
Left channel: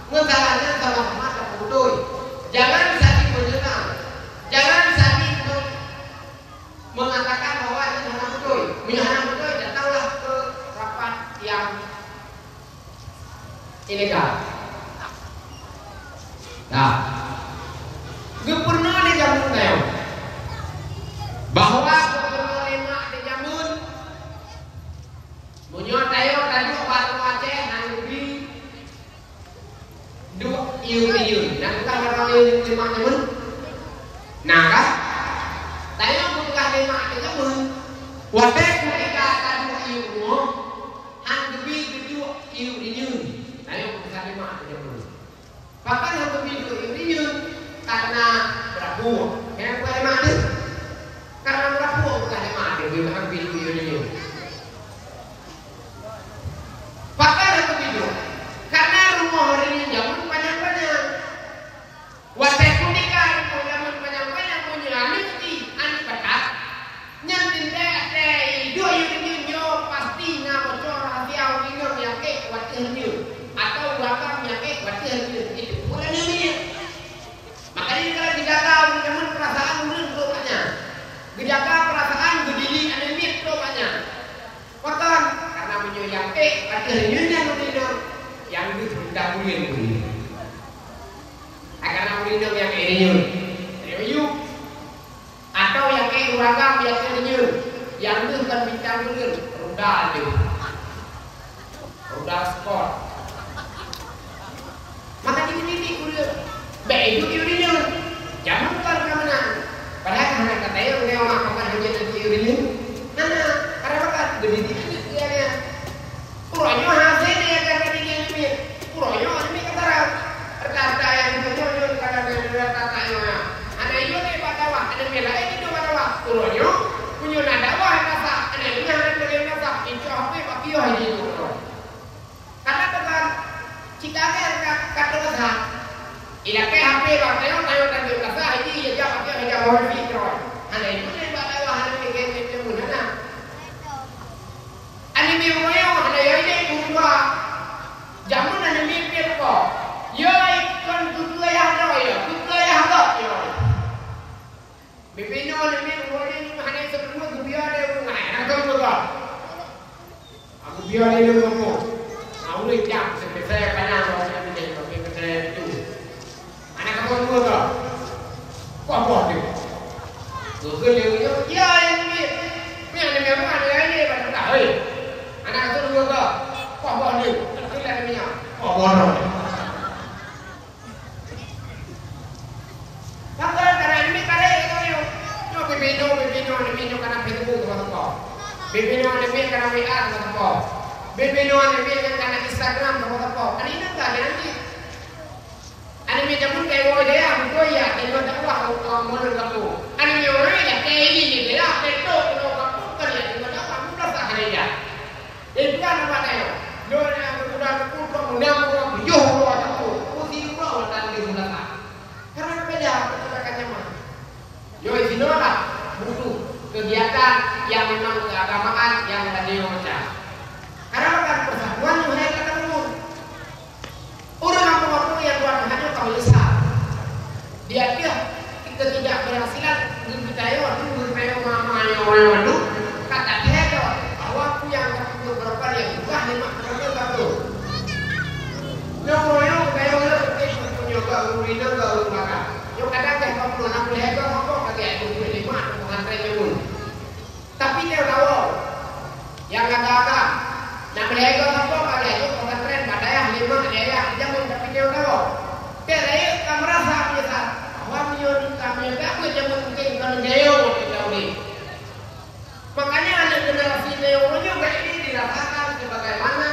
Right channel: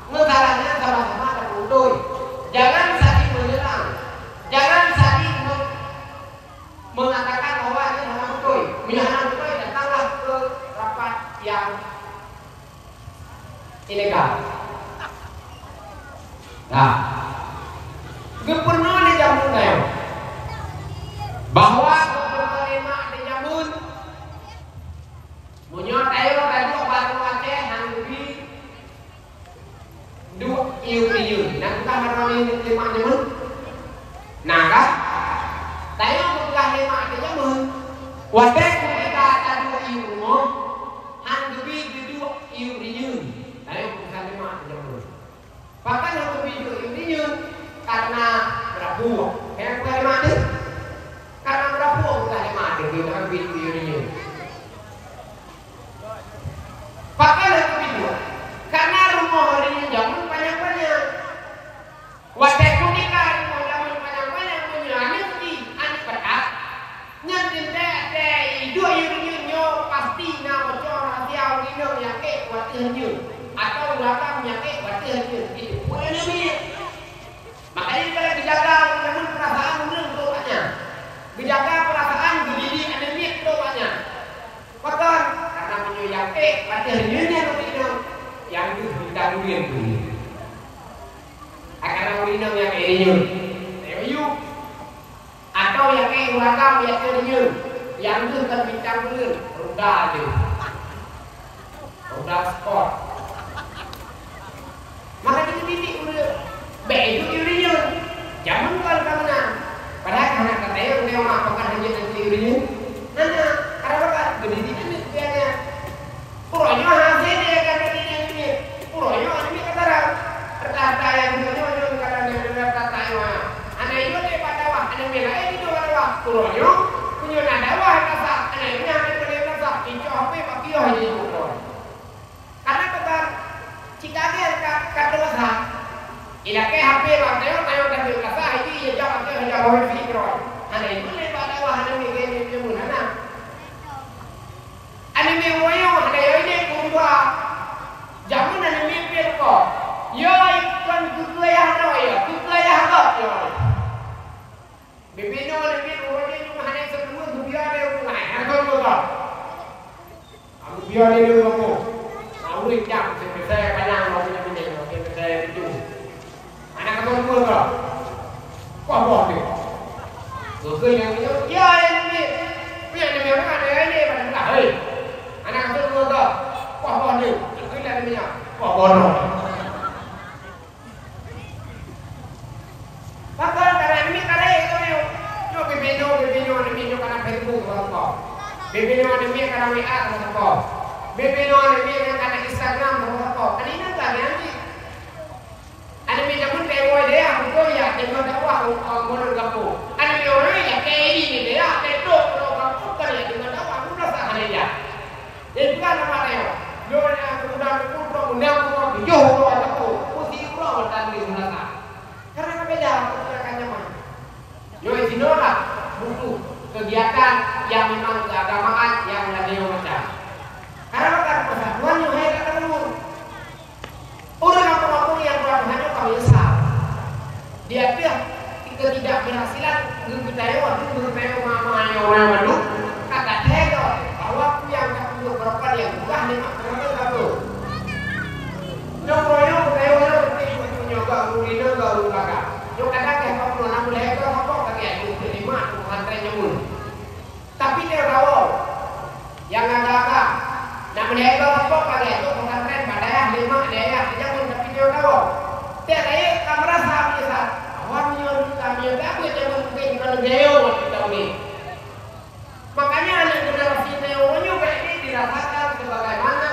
Masalahnya sama-sama ada berubah. Jangan saling menyerang. Jangan saling mengatakan bahwa ini hanya berubah. Misalnya berubah datanglah ke rapat yang ilegal. Nah, gubernur di Jamun bahwa gubernur lima di Jamun punya tayo tadi Batu Aceh Nanguri dua iu dan kita harus lima Jamun. Nah kan, tayo bukan lima Jamun. Wadah mereka tadi iu mo, Nanguri dua iu. Tayo bukan lima Jamun. Bahkan yang begitu ini karena berapu, yang bukan mati, karena berapu bukan mati, dia hampir ini. Bahkan yang begitu, karena rumah hari ini jamun banyak-banyak, wadah kunika rumah jamun banyak-banyak punya anak petak, nyantin deh dua ini pasti nama bocor hati awal ini yang ke wadah ini. Atau belakang penyakit batin itu bukan ini. Makanya kalau dijaga namun perasaan belum banyak. Dijaga perasaan berdiri anemit banyak. Bahkan karena menyuyang batin ini yang ditangguhin dulu. Akan orang yang ini yuk atau yang uranggang yang ini yang itu kan ditangguhin roda aja, roda sport. Maka dikritik udah baik itu ini jangan bukan kemana. Padahal anak katanya udah makan hanya nanti ini, anak karena apa? Jadi dia Puronya hasil dia kata dia ini. Puronya ini kata kata yang itu kata dia kata ya. Ada itu dia pada wah, ada bela itu pada wah. Puronya punya nada wah kata. Ada ini ada bela kata. Itu apa pakai oh itu puron. Karena tekan jika dia kata kata. Ila ke HP bateo tayo dan kata ini dia pakai hanya bawa fikron. Ada itu dia pada wah ada ini kayak itu mana. Anime moyo ada yang ini kurba jamun anime pirko yo ikon kutu ya hak yo bibino anime moyo cuma hanya sebelum gubia dia ngai atau apa aku biar dia dulu aku mau jam saya kadang mau ini oke saya itu anak kamu dua kok apa dia tuh yang itu ya ini punya anime orang ada yang ini pada kita anak aku dua kok, kok bodoh, itu lagi ni kok bodoh. Pasal kerana ini itu yo bebeno kerana Facebook apa, bebeno kerana WA apa, bebeno kerana Instagram apa, ini nak nanti. Anime jamun tewo dia, aku ya tengok dakwah modal kamu. Anime orang ya kayak ini dia, tengok kamu kan ya tengok dakwah, aku rasa hari dia. Jadi bukan nama dia. Yo yang kemudian undang yo aku putih pulau tadi sana. Karena beda masyarakat Yaman. Yo isinola butuh kegiatan yang memang keagamaan yang tadi macam. Karena bukan persatuan yo hai ketemu. Orang apa yang buat hanya kami sal. Dia kita tidak berhasilan kita mamanya orang kata dia bahwa aku yang berapa yang bukan lima terus satu. Nyokoyo kayo orang penting untuk nyoba urina ke uraka. Yo ada ke kamu nak boleh ke apa kata itu lima pesantrennya mulu. Tapi dia tahu yang agak-agak nak boleh ke apa kata itu pesantren padahal lima dia jangan tapi dia tahu. Dia saya kamu rasa biasa. Awam kami tak boleh jangan mungkin kalau dia kita boleh. Makanya anak generasi neonya ini dirasakan sebagaimana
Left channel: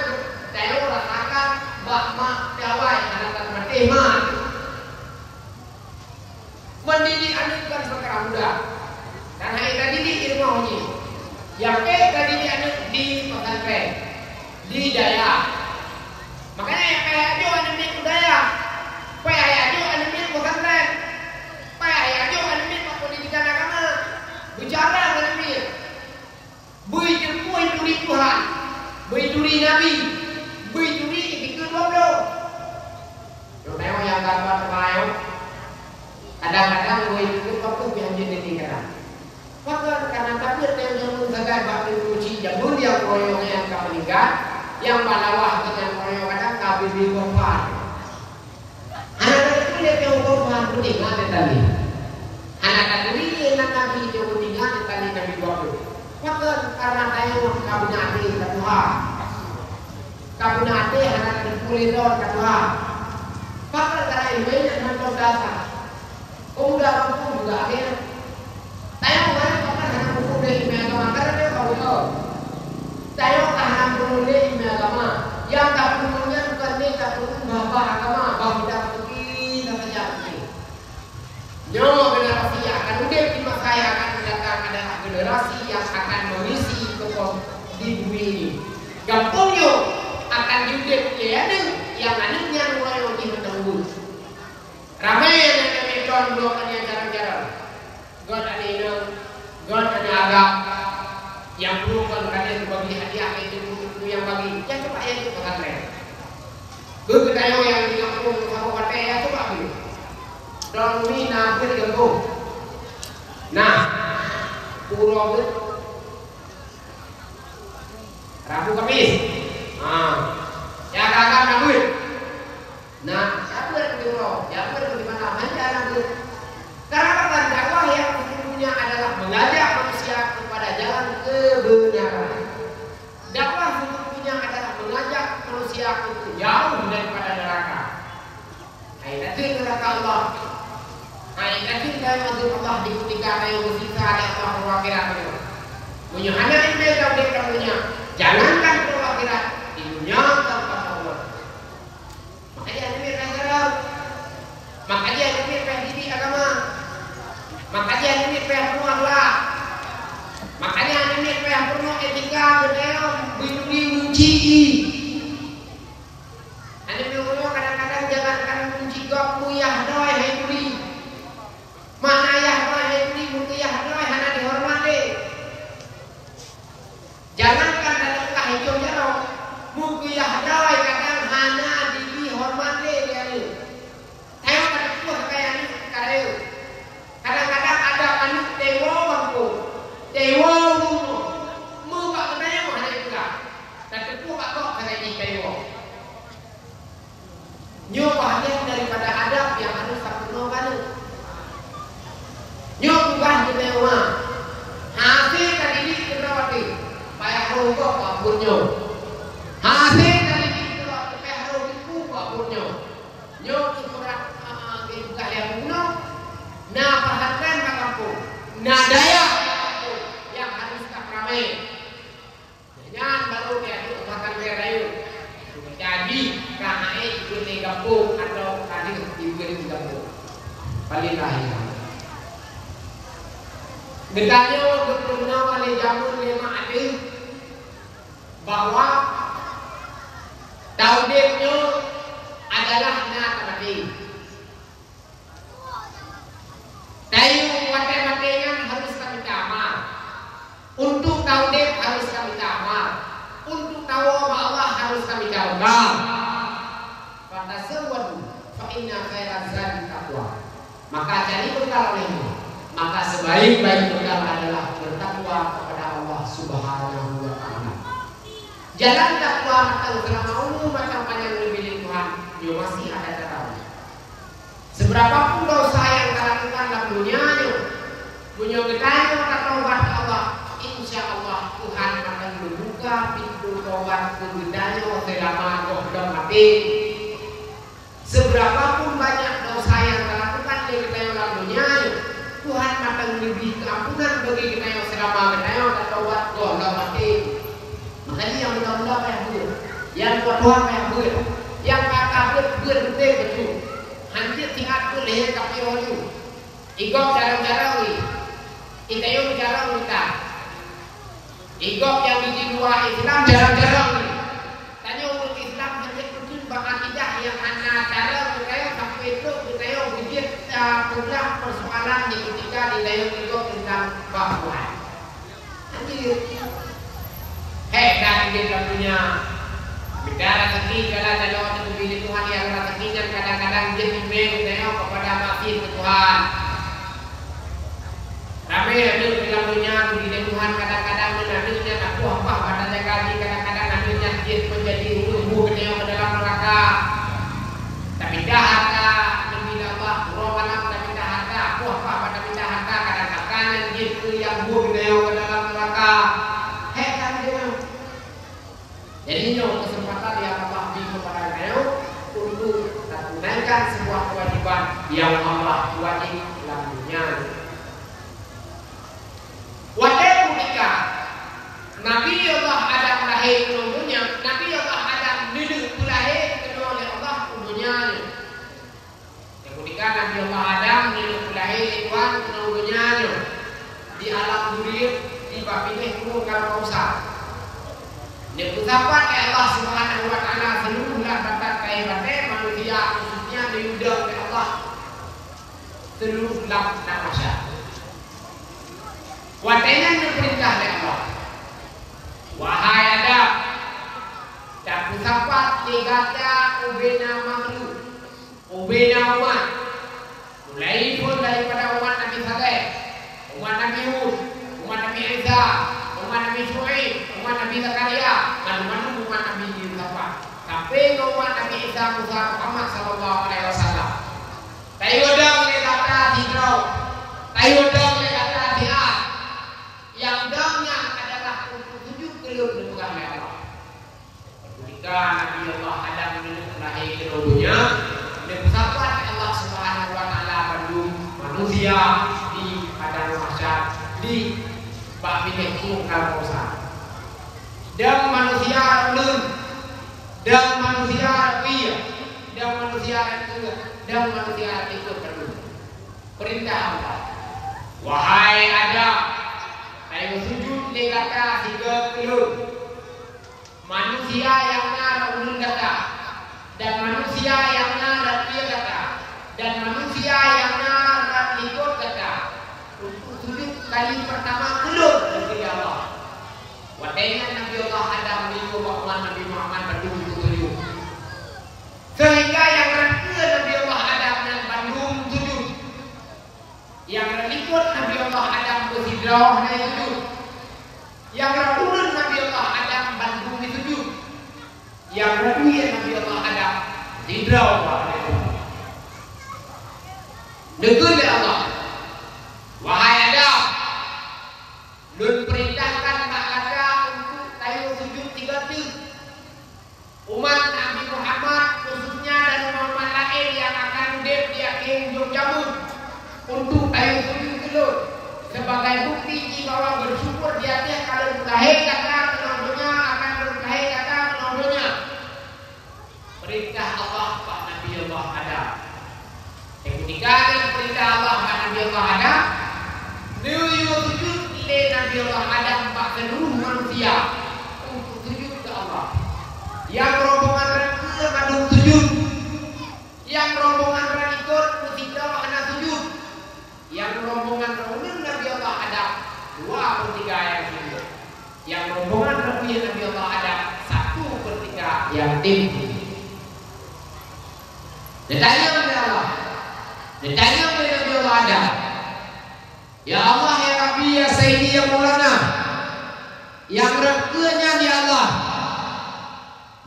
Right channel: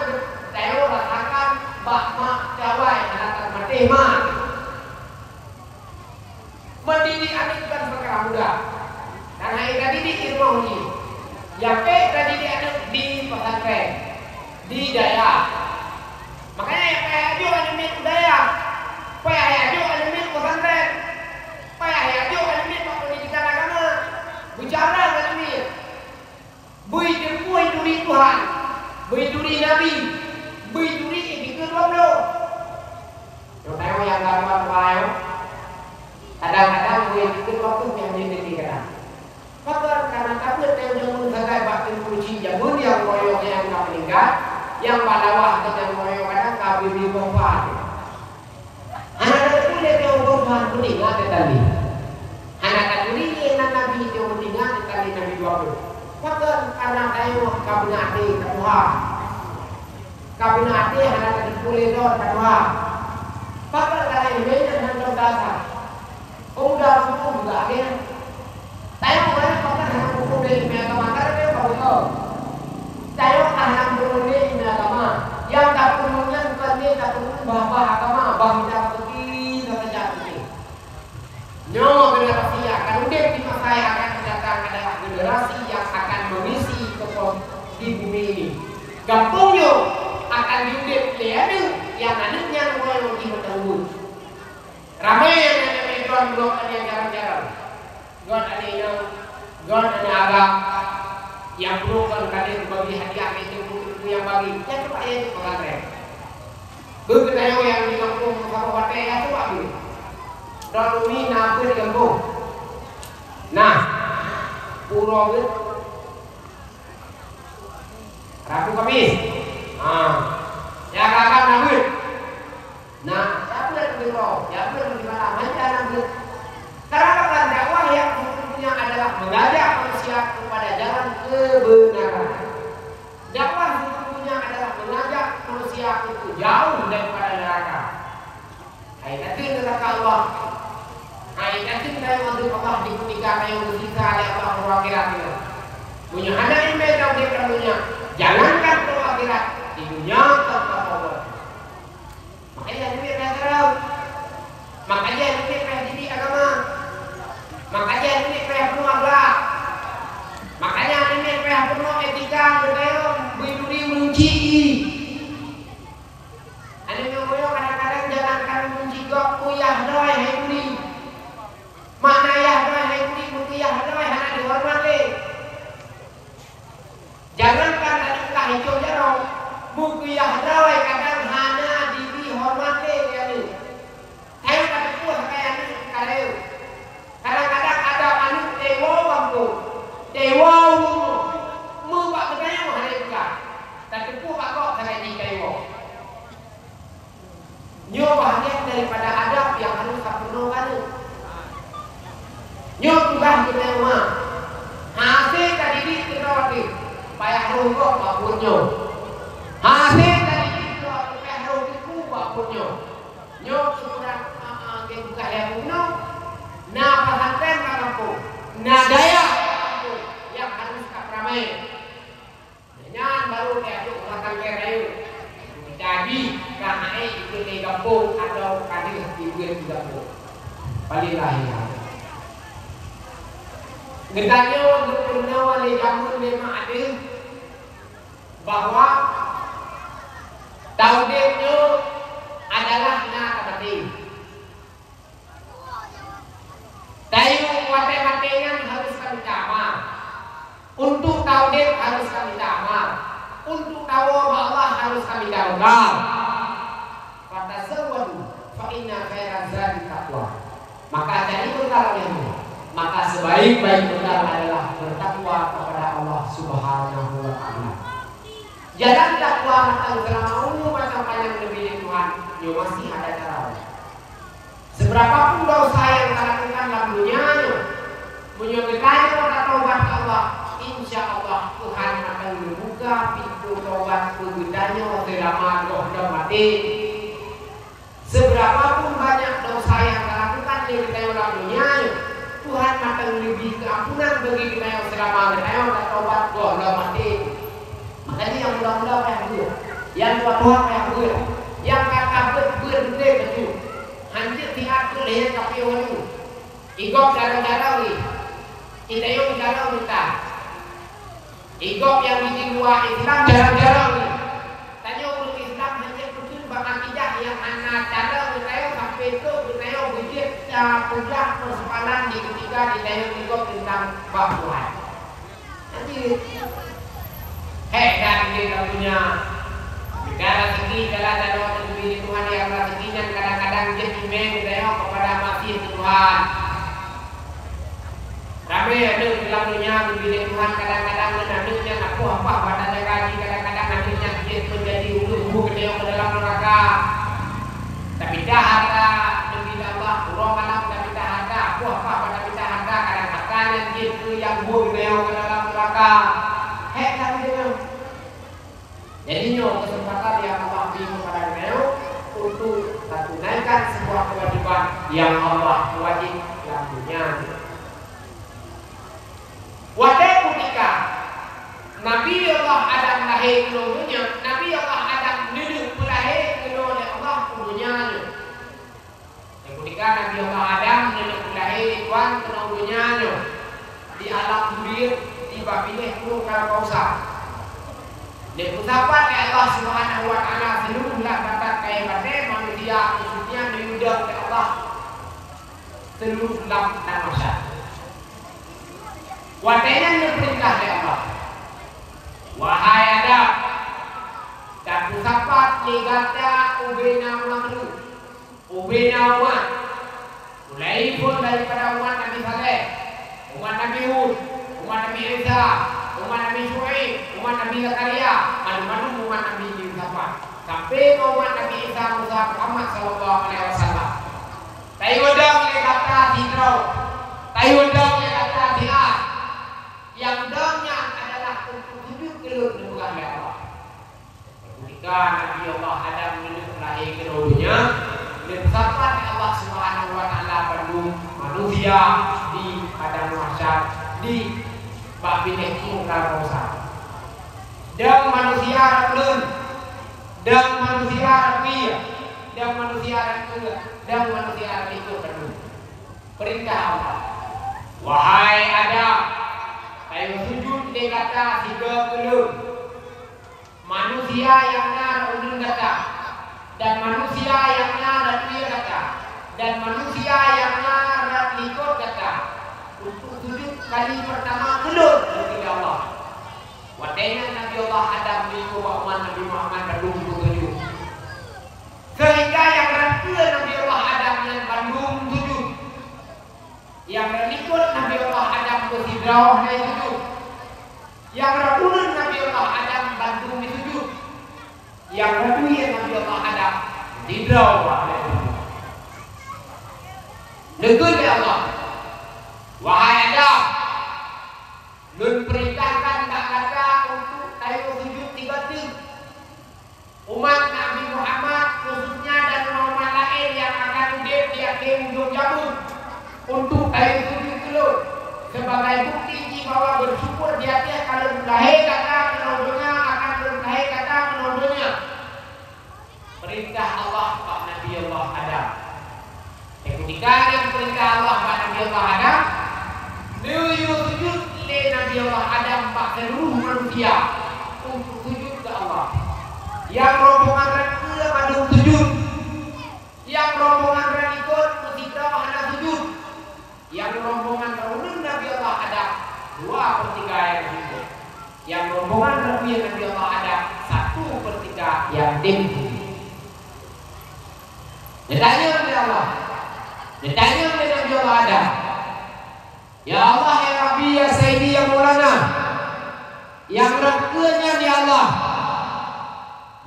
Teo rasakan bakma Jawai anak Matema. Mendiri anak bukan perkara mudah. Dan hari tadi di ilmu uji. Yang tadi di anak di pesantren, di daya. Makanya yang kayak aja anak milik daya, kayak aja anak milik pesantren, kayak aja anak milik pendidikan agama, bicara anak milik. Bui terpuai duri Tuhan, bui duri Nabi, bui duri ikut wablo. Contohnya yang gambar lain, kadang-kadang bui ikut waktu yang jadi kita. Maka karena takut yang jamun sebagai batin kunci jamun yang koyong yang kami lihat, yang badawah dengan koyong kadang kami beri kompar. Anak itu dia yang kompar kuning ada tadi. Anak tadi yang Nabi yang kuning ada tadi Nabi 20. Maka karena tayo kabinati kedua, kabinati anak terpulih kedua. Maka karena ini anak berdasar. Udah aku juga dia. Tayo banyak orang anak buku di agama karena dia kamu tahu. Tayo anak buku di agama yang tak perlunya bukan dia tak perlu bapak agama bahu tak pergi saja ini. Nyo generasi akan udah di masa saya akan mendatang ada generasi yang akan mengisi di bumi ini. Gampungnya akan diudah ada yang adanya mulai lagi menembus. Ramai yang menonton blokannya jarang-jarang. God ada yang God ada agak yang bukan kalian bagi hadiah itu yang bagi. Ya coba ya itu pesantren. Begitu yang di kampung kabupaten ya coba dulu. Dan ini nabur kampung. Nah, puro Rabu Kamis. Ya kakak nabur. Nah, sabar beliau, sabar bagaimana menjalan. Karena dakwah yang sesungguhnya adalah mengajak manusia kepada jalan kebenaran. Dakwah sesungguhnya adalah mengajak manusia itu jauh daripada neraka. Ayatin neraka Allah. Ayatin kayu untuk Allah dikutika kayu bersisa oleh Allah wakilnya. Punya anak ini tahu dia kamunya. Jangankan ke akhirat di dunia tanpa Allah. Makanya ini pelajaran. Makanya ini pendidik agama. Makanya ini penuh akhlak. Makanya ini penuh etika, berdiri menci. Ada yang kadang-kadang jangankan menci gok kuyah doy hekli. Mana yah doy hekli mutiyah doy hana dihormati. Jangankan datang hijau jarong, mukuyah doy kadang hana dihormati dia ni. Saya pada puas kayak ni kareu. Kadang-kadang ada anu dewa bangku, dewa mu pak kedayo hanya kita. Tapi puak kok kayak ni dewa. Nyo bahagian daripada adab yang harus tak perlu kan. Nyo tugas kedayo hasil tadi kerawati. Payah rungkok apapun-nyo. Hasil dari itu payah rungkok apapun-nyo. Nyo kurang buka yang bunuh. Nah perhatian kamu. Nah daya kamu yang harus tak ramai. Jangan baru kayak itu makan kayu. Jadi karena ibu di kampung atau kadir ibu di kampung. Paling lahir. Ngetanyo berpurna wali jamur lima ada bahwa tauhidnya adalah nabi. Tayu wate makengan harus kami amal. Untuk tauhid harus kami amal. Untuk tahu Allah harus kami tawakal. Fatasawwadu fa inna khairaz zadi taqwa. Maka cari bekal ini. Maka sebaik-baik bekal adalah bertakwa kepada Allah Subhanahu wa taala. Jalan takwa macam terlalu macam panjang lebih dari Tuhan, dia masih ada cara. Seberapapun dosa yang kita lakukan dalam dunianya, punya bertanya atau taubat Allah, insya Allah Tuhan akan membuka pintu taubat kebudayanya selama doa mati. Seberapapun banyak dosa yang kita lakukan di dalam dunianya, Tuhan akan lebih keampunan bagi kita yang selama kita yang taubat doa mati. Makanya yang muda-muda kayak gue, yang tua-tua kayak gue, yang kakak gue betul. Hampir tiap gue leher kapio itu. Igok jarang-jarang ni, kita yang jarang kita. Igok yang di luar Islam jarang-jarang ni. Tanya orang Islam hanya betul bahkan tidak yang hanya cara kita yang sampai itu kita yang berjit pulang persoalan di ketika di dalam igok tentang Tuhan. Nanti dan dia punya bicara rezeki jalan-jalan untuk dipilih Tuhan yang rezekinya kadang-kadang dia cumeng kepada mati ke Tuhan. Ramai ada di dalam dunia dipilih Tuhan kadang-kadang menandunya apa pada jaga kadang-kadang nantinya dia menjadi ulu ke dalam neraka. Tapi dah harta mengira Allah kurang malam tapi dah harta apa pada kita harta kadang-kadang dia yang buruk ke dalam neraka. Jadi kesempatan yang Allah beri kepada kita untuk tunaikan sebuah kewajiban yang Allah wajib dalam dunia. Pada ketika Nabi Allah Adam lahir ke dunia, Nabi Allah Adam dulu lahir ke oleh Allah ke dunia. Ketika Nabi Allah Adam dulu lahir Tuhan ke dunia di alam dunia dibapilih kalau kausa. Dia ucapan ke Allah Subhanahu wa taala seluruhlah kata kehebatan manusia khususnya diundang ke Allah seluruh lam tamasya. Watainan perintah ke Allah. Wahai Adam, tak ucapan negata ubena makhluk, ubena umat. Mulai pun daripada umat Nabi Saleh, umat Nabi Hud, umat Nabi Isa, umat Nabi Syuaib, umat Nabi Zakaria, mana-mana umat Nabi Yusuf. sampai umat Nabi Isa Musa Muhammad sallallahu alaihi wasallam. Tayudang ke kata hijrau, tayudang ke kata diat, yang damnya adalah untuk sujud kelur di muka Allah. Ketika Nabi Allah Adam lahir ke dunia, dipersatukan Allah Subhanahu wa taala bagi manusia di padang mahsyar di babine tunggal kosa. Dan manusia raulun, dan manusia rapi, dan manusia rapi, dan manusia itu penuh. Perintah Allah. Wahai Adam, saya sujud di kata 30. Manusia yang raulun kata, dan manusia yang rapi kata, dan manusia yang rapi ikut kata. Untuk sujud kali pertama keluar dari Allah. Wadahnya Nabi Allah Adam menipu Muhammad Nabi Muhammad Bandung sujud. Sehingga yang rakyat Nabi Allah Adam dan Bandung sujud. Yang berikut Nabi Allah Adam bersidrah dan sujud. Yang rakyat Nabi Allah Adam Bandung sujud. Yang rakyat Nabi Allah Adam sidrah dan sujud. Negeri Allah. Wahai Adam, Lun perintahkan tak laka untuk tayu sujud 3 juz. Umat Nabi Muhammad khususnya dan umat lain yang akan hidup di akhir ujung zaman untuk tayu sujud dulu sebagai bukti bahwa bersyukur di atas kalau lahir kata menondonya akan berlahir kata menondonya. Perintah Allah Pak Nabi Allah Adam. Ketika perintah Allah Pak Nabi Allah Adam, sujud Nabi Allah Adam pak seluruh manusia untuk sujud ke Allah. Yang rombongan rakyat madung sujud, yang rombongan rakyat musibah hana sujud, yang rombongan raulun Nabi Allah Adam 2/3 yang sujud, yang rombongan rakyat Nabi Allah Adam 1/3 yang tim. Ditanya Nabi Allah, ditanya Nabi Allah Adam. Ya Allah, ya Rabbi, ya Sayyidi, ya Maulana, yang rakyatnya ya Allah,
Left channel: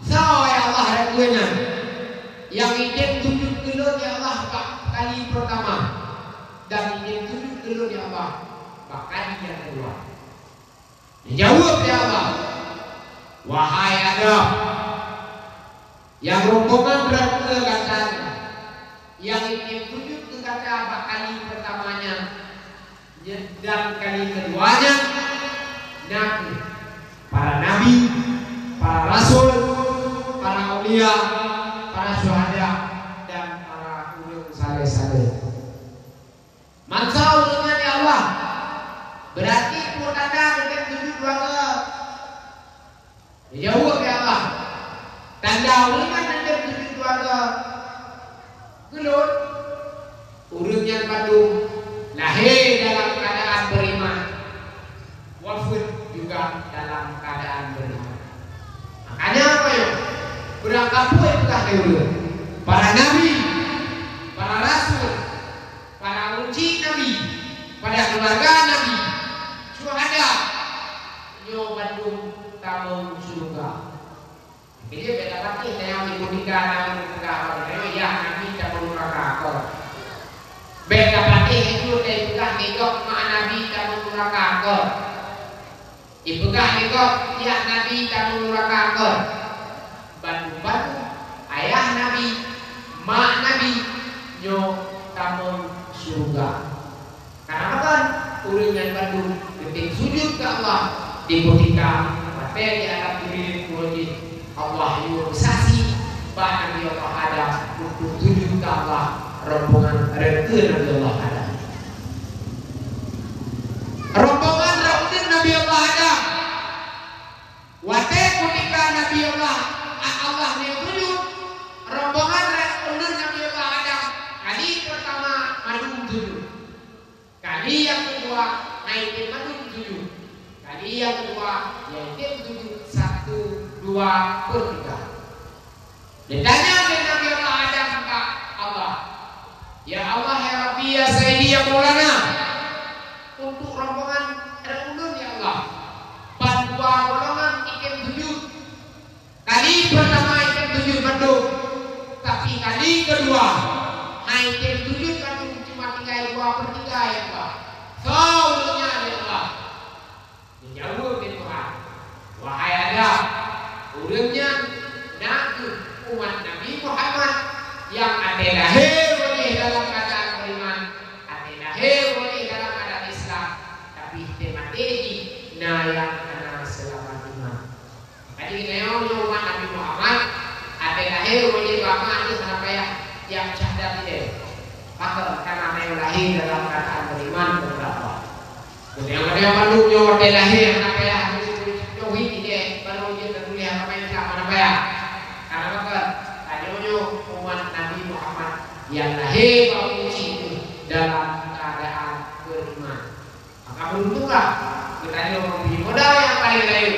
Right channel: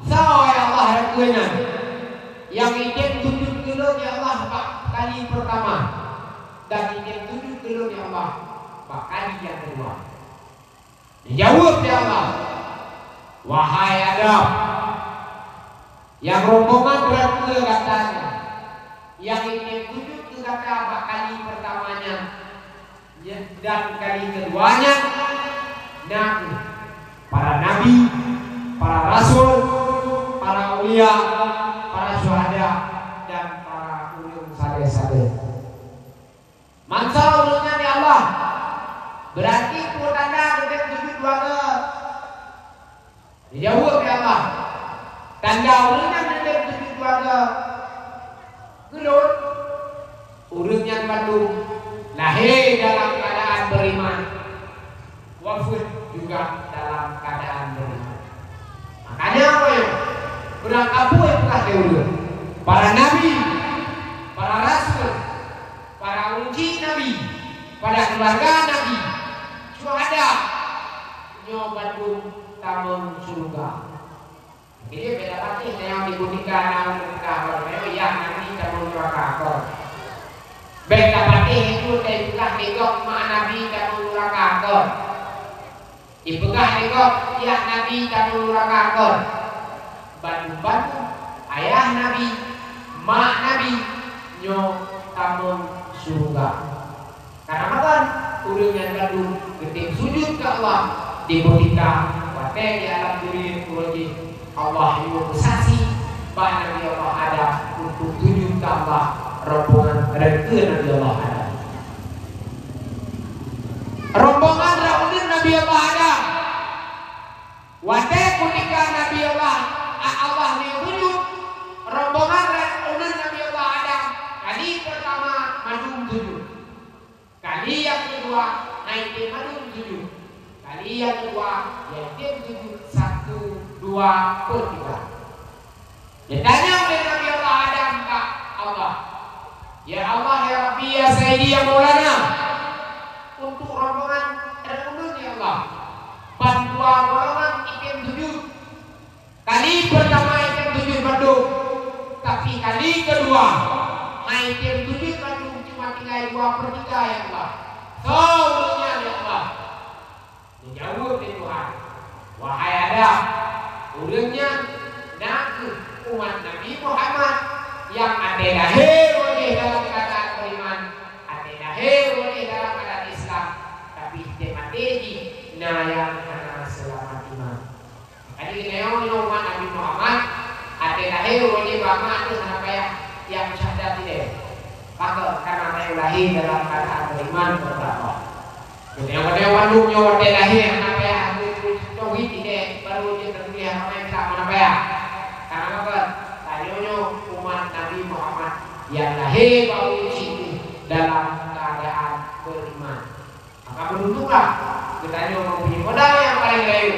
ya Allah rakyatnya, yang ingin sujud dulu ya Allah kali pertama, dan ingin sujud dulu ya Allah kali yang kedua. Jawab ya Allah, wahai Adam, yang rombongan rakyat katanya, yang ingin sujud ke kata kali pertamanya dan kali keduanya, Nabi, para nabi, para rasul, para ulia, para syuhada, dan para ulul saleh-saleh. Mansa ulungnya ya Allah, berarti putanda dengan sujud 2 kali. Jauh ya Allah, tanda ulungnya dengan sujud 2 kali. Gelut, ulungnya Bandung lahir dalam keadaan beriman, wafat juga dalam keadaan beriman. Makanya apa ya? Berangkat pun telah dulu. Para nabi, para rasul, para uji nabi, para keluarga nabi, syuhada, Bandung tahun surga. Jadi beda lagi yang dibunyikan dalam negara yang nabi tahun neraka. Beda pati itu dari bekas negok mak Nabi dan mengurangkan. Di bekas negok tiap Nabi dan mengurangkan. Bantu-bantu ayah Nabi, mak Nabi, nyo tamu surga. Karena apa? Ulunnya Bandung ketika sujud ke Allah di bukita pati di alam diri kuati Allah itu saksi bahwa Nabi Allah ada untuk sujud ke Allah. Rombongan rakyat Nabi Allah ada. Rombongan rakyat Nabi Allah ada. Waktu ketika Nabi Allah yang sujud, rombongan rakyat Nabi Allah ada. Kali pertama maju sujud. Kali yang kedua naik maju sujud. Kali yang kedua yaitu sujud 1, 2, 3. Ditanya oleh Nabi Allah ada kepada Allah. Ya Allah, ya Rabbi, ya Sayyidi, ya Maulana, untuk rombongan ulun ya Allah, 2 golongan ikim sujud. Kali pertama ikim kali kedua, hai tim tujuh kan cuma tinggal 2/3 ya Allah. Seluruhnya ya Allah. Menjawab ya Tuhan. Wahai Adam, urangnya nak umat Nabi Muhammad yang ada lahir oleh dalam keadaan beriman, ada lahir oleh dalam keadaan Islam, tapi temategi nah yang anak selamat iman. Tadi neonya umat Nabi Muhammad ada lahir oleh bapa itu kenapa ya yang syahadat dia. Maka karena yang lahir dalam keadaan beriman kepada Allah. Jadi yang bandungnya ada lahir kenapa ya tauhid ini baru dia tertulis apa yang Islam kenapa ya? Karena apa? Tadinya umat Nabi Muhammad yang lahir baru ini dalam keadaan beriman. Maka beruntunglah kita ini mempunyai modal yang paling baik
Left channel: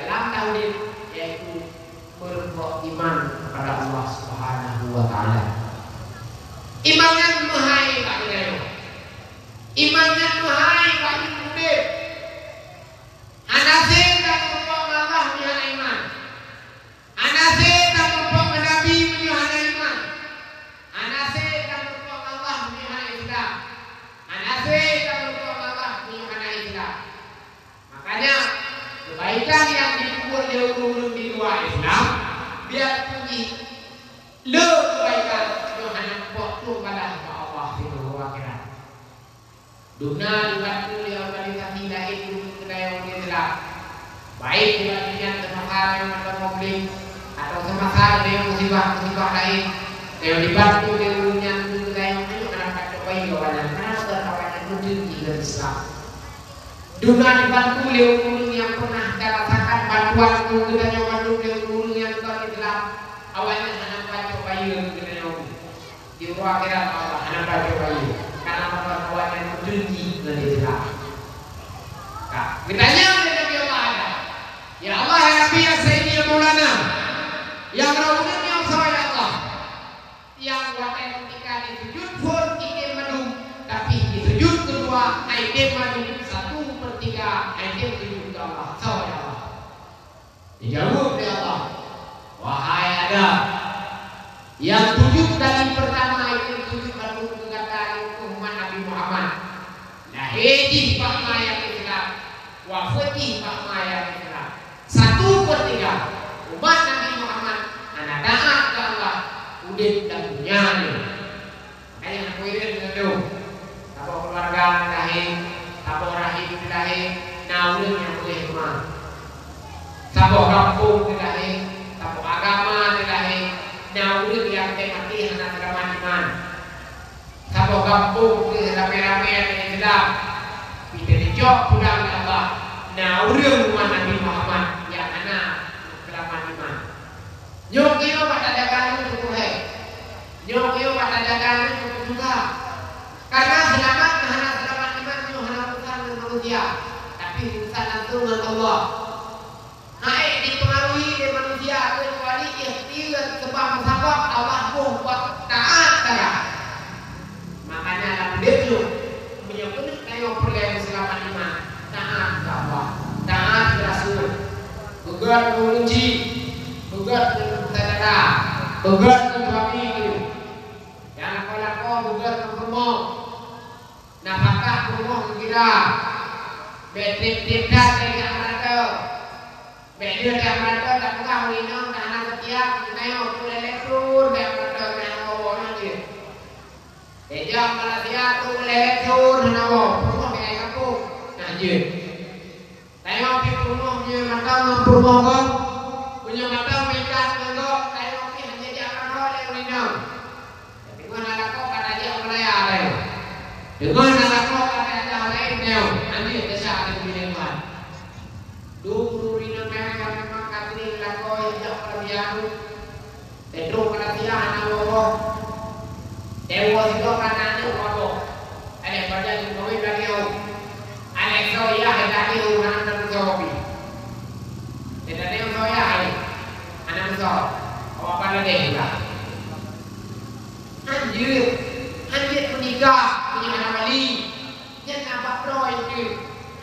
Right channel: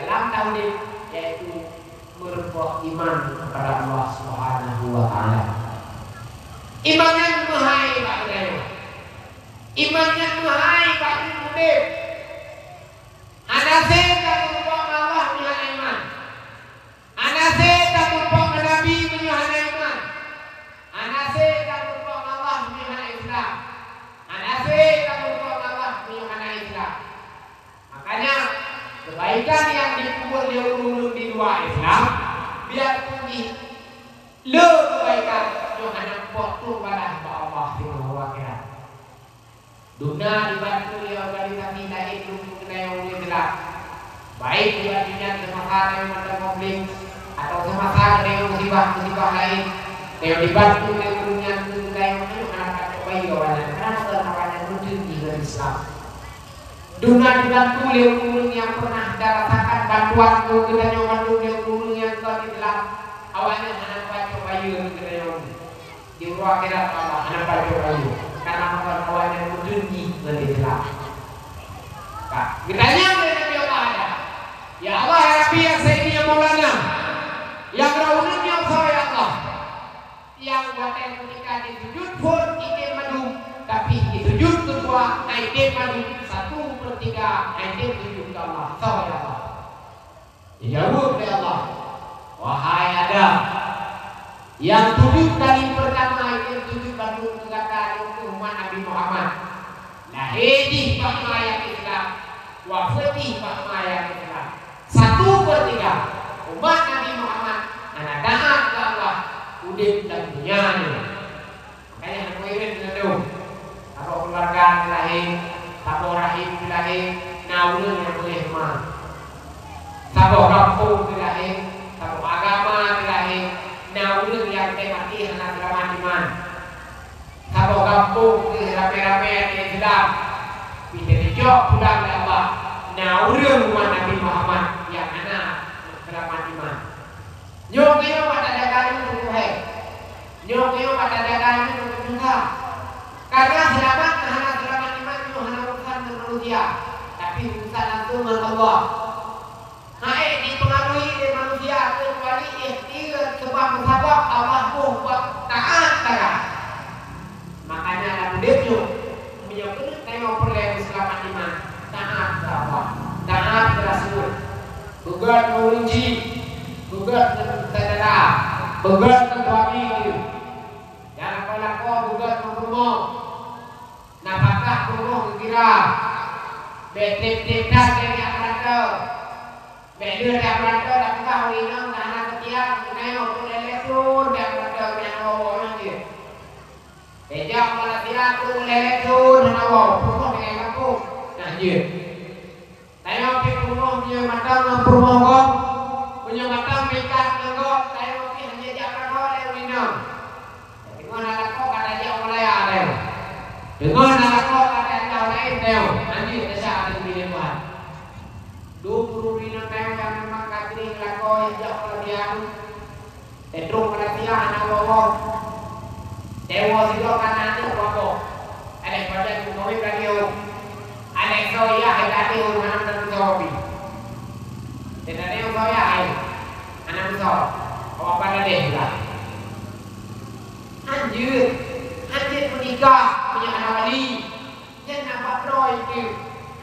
dalam tauhid, yaitu berbuat iman kepada Allah Subhanahu wa taala. Imannya mahai Pak Ibrahim. Imannya mahai Pak Ibrahim. Anase tak berbuat Allah punya iman. Anase tak berbuat Nabi punya iman. Anase tak berbuat Allah punya Islam. Anase tak berbuat Allah punya Islam. Makanya kebaikan yang dikubur di luar Islam, dia punya kebaikan yang hanya buat tu pada Allah Subhanahu wa taala. Dunia dibantu oleh organisasi lain untuk kedaya Islam. Baik dibandingkan semasa yang ada konflik atau semasa ada yang musibah lain, yang dibantu oleh dunia untuk kedaya itu kenapa cobai kawanan? Kenapa kawanan menjadi dari Islam? Dunia dibantu oleh ulun yang pernah rasakan bantuan untuk kedaya bantu oleh ulun yang kuat Islam. Awalnya hanya baca bayu kedaya di ruang akhirat Allah hanya baca bayu. Karena kawan-kawan yang menjadi dari Islam. Nah, bertanya kepada Allah ada. Ya Allah ya Rabbi ya Sayyidi ya Maulana. Yang rawunan yang saya Allah. Yang wadah ketika disujud pun ide madu, tapi disujud kedua ide madu 1/3 ide sujud ke Allah. Saya Allah. Dijawab oleh Allah. Wahai Adam, yang sujud kali pertama itu sujud baru kali umat Nabi Muhammad. Lahir pakmaya Islam, wafati pakmaya Islam. 1/3 umat Nabi Muhammad anak taat ke Allah, udip dan dunyanya. Makanya aku irin dulu. Apa keluarga lahir, apa rahim lahir, naudun yang boleh mah. Sabo kampung lahir, sabo agama lahir. Naudun yang mati anak selamat iman. Sabo kampung rame-rame di Islam. Kita dijok pulang Allah. Naudun umat Nabi Muhammad yang anak selamat iman. Nyok iyo pada dagang itu sukuhai. Nyok iyo pada dagang itu susah. Karena selamat anak selamat iman itu hanya urusan manusia, tapi urusan langsung dengan Allah. Hai dipengaruhi oleh manusia kecuali ikhtiar sebab Allah pun buat taat saja. Makanya dalam dia menyebut tengok pergi selamat iman, taat ke Allah, taat ke Rasul, begat mengunci, begat saudara, begat suami, yang kau begat mempermoh, nafkah permoh kira, betek-betek dengan mereka. Beli dia mereka dan kau ini karena setiap naik tu lelesun dia mereka yang awalnya je. Dia malah dia tu lelesun dan awal perumah dengan aku nah je. Tengok di perumah punya mata dengan perumah kau punya mata mereka tengok tengok ni hanya dia mereka yang ini. Dengan anak kau kata dia mulai ada. Dengan anak kau kata dia lain dia. Nanti besar ada di Tuhan. 20 ribu kayak kan memang katri lakoi jak pelajaran tedung perhatian anak bawa dewa itu kanan itu bawa ada pada kau dari yo ada kau ya ada yo anak tersobi tidak ada kau ya anak besar awak pada deh lah anjir menikah punya anak wali yang nampak roy itu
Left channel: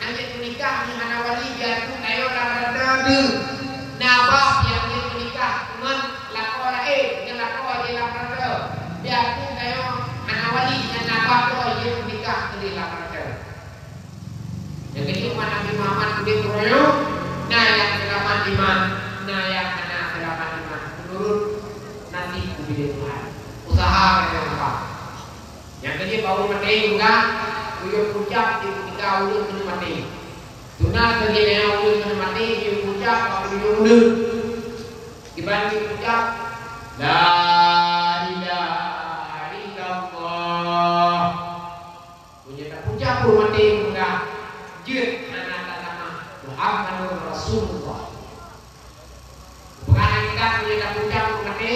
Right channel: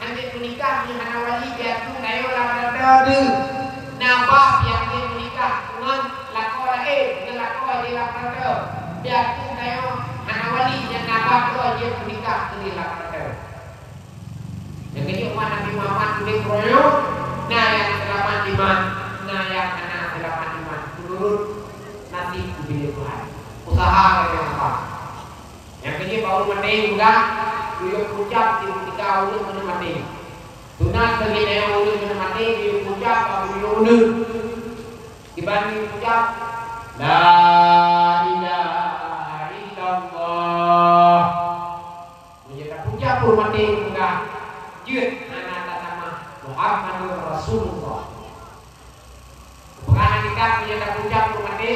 anjir menikah punya anak wali biar tu nayo rada tu napa yang dia menikah dengan lakor dengan lakor dia rada Biar pun tayo anak wali yang nabak ko dia menikah dari lapar. Jadi cuma Nabi Muhammad kulit kroyo, nah yang selamat iman, nah yang anak selamat iman. Menurut nanti kulit Tuhan. Usaha yang apa? Yang kedua bau mati juga, tuyuk puncak ketika ulun kena mati. Tunat segini yang ulun kena mati, tuyuk puncak bau ulun. Dibanding puncak, la ilaha illallah. Punya puncak pun mati juga. Jut anak nama Muhammadur Rasulullah. Bukan kita punya puncak pun mati.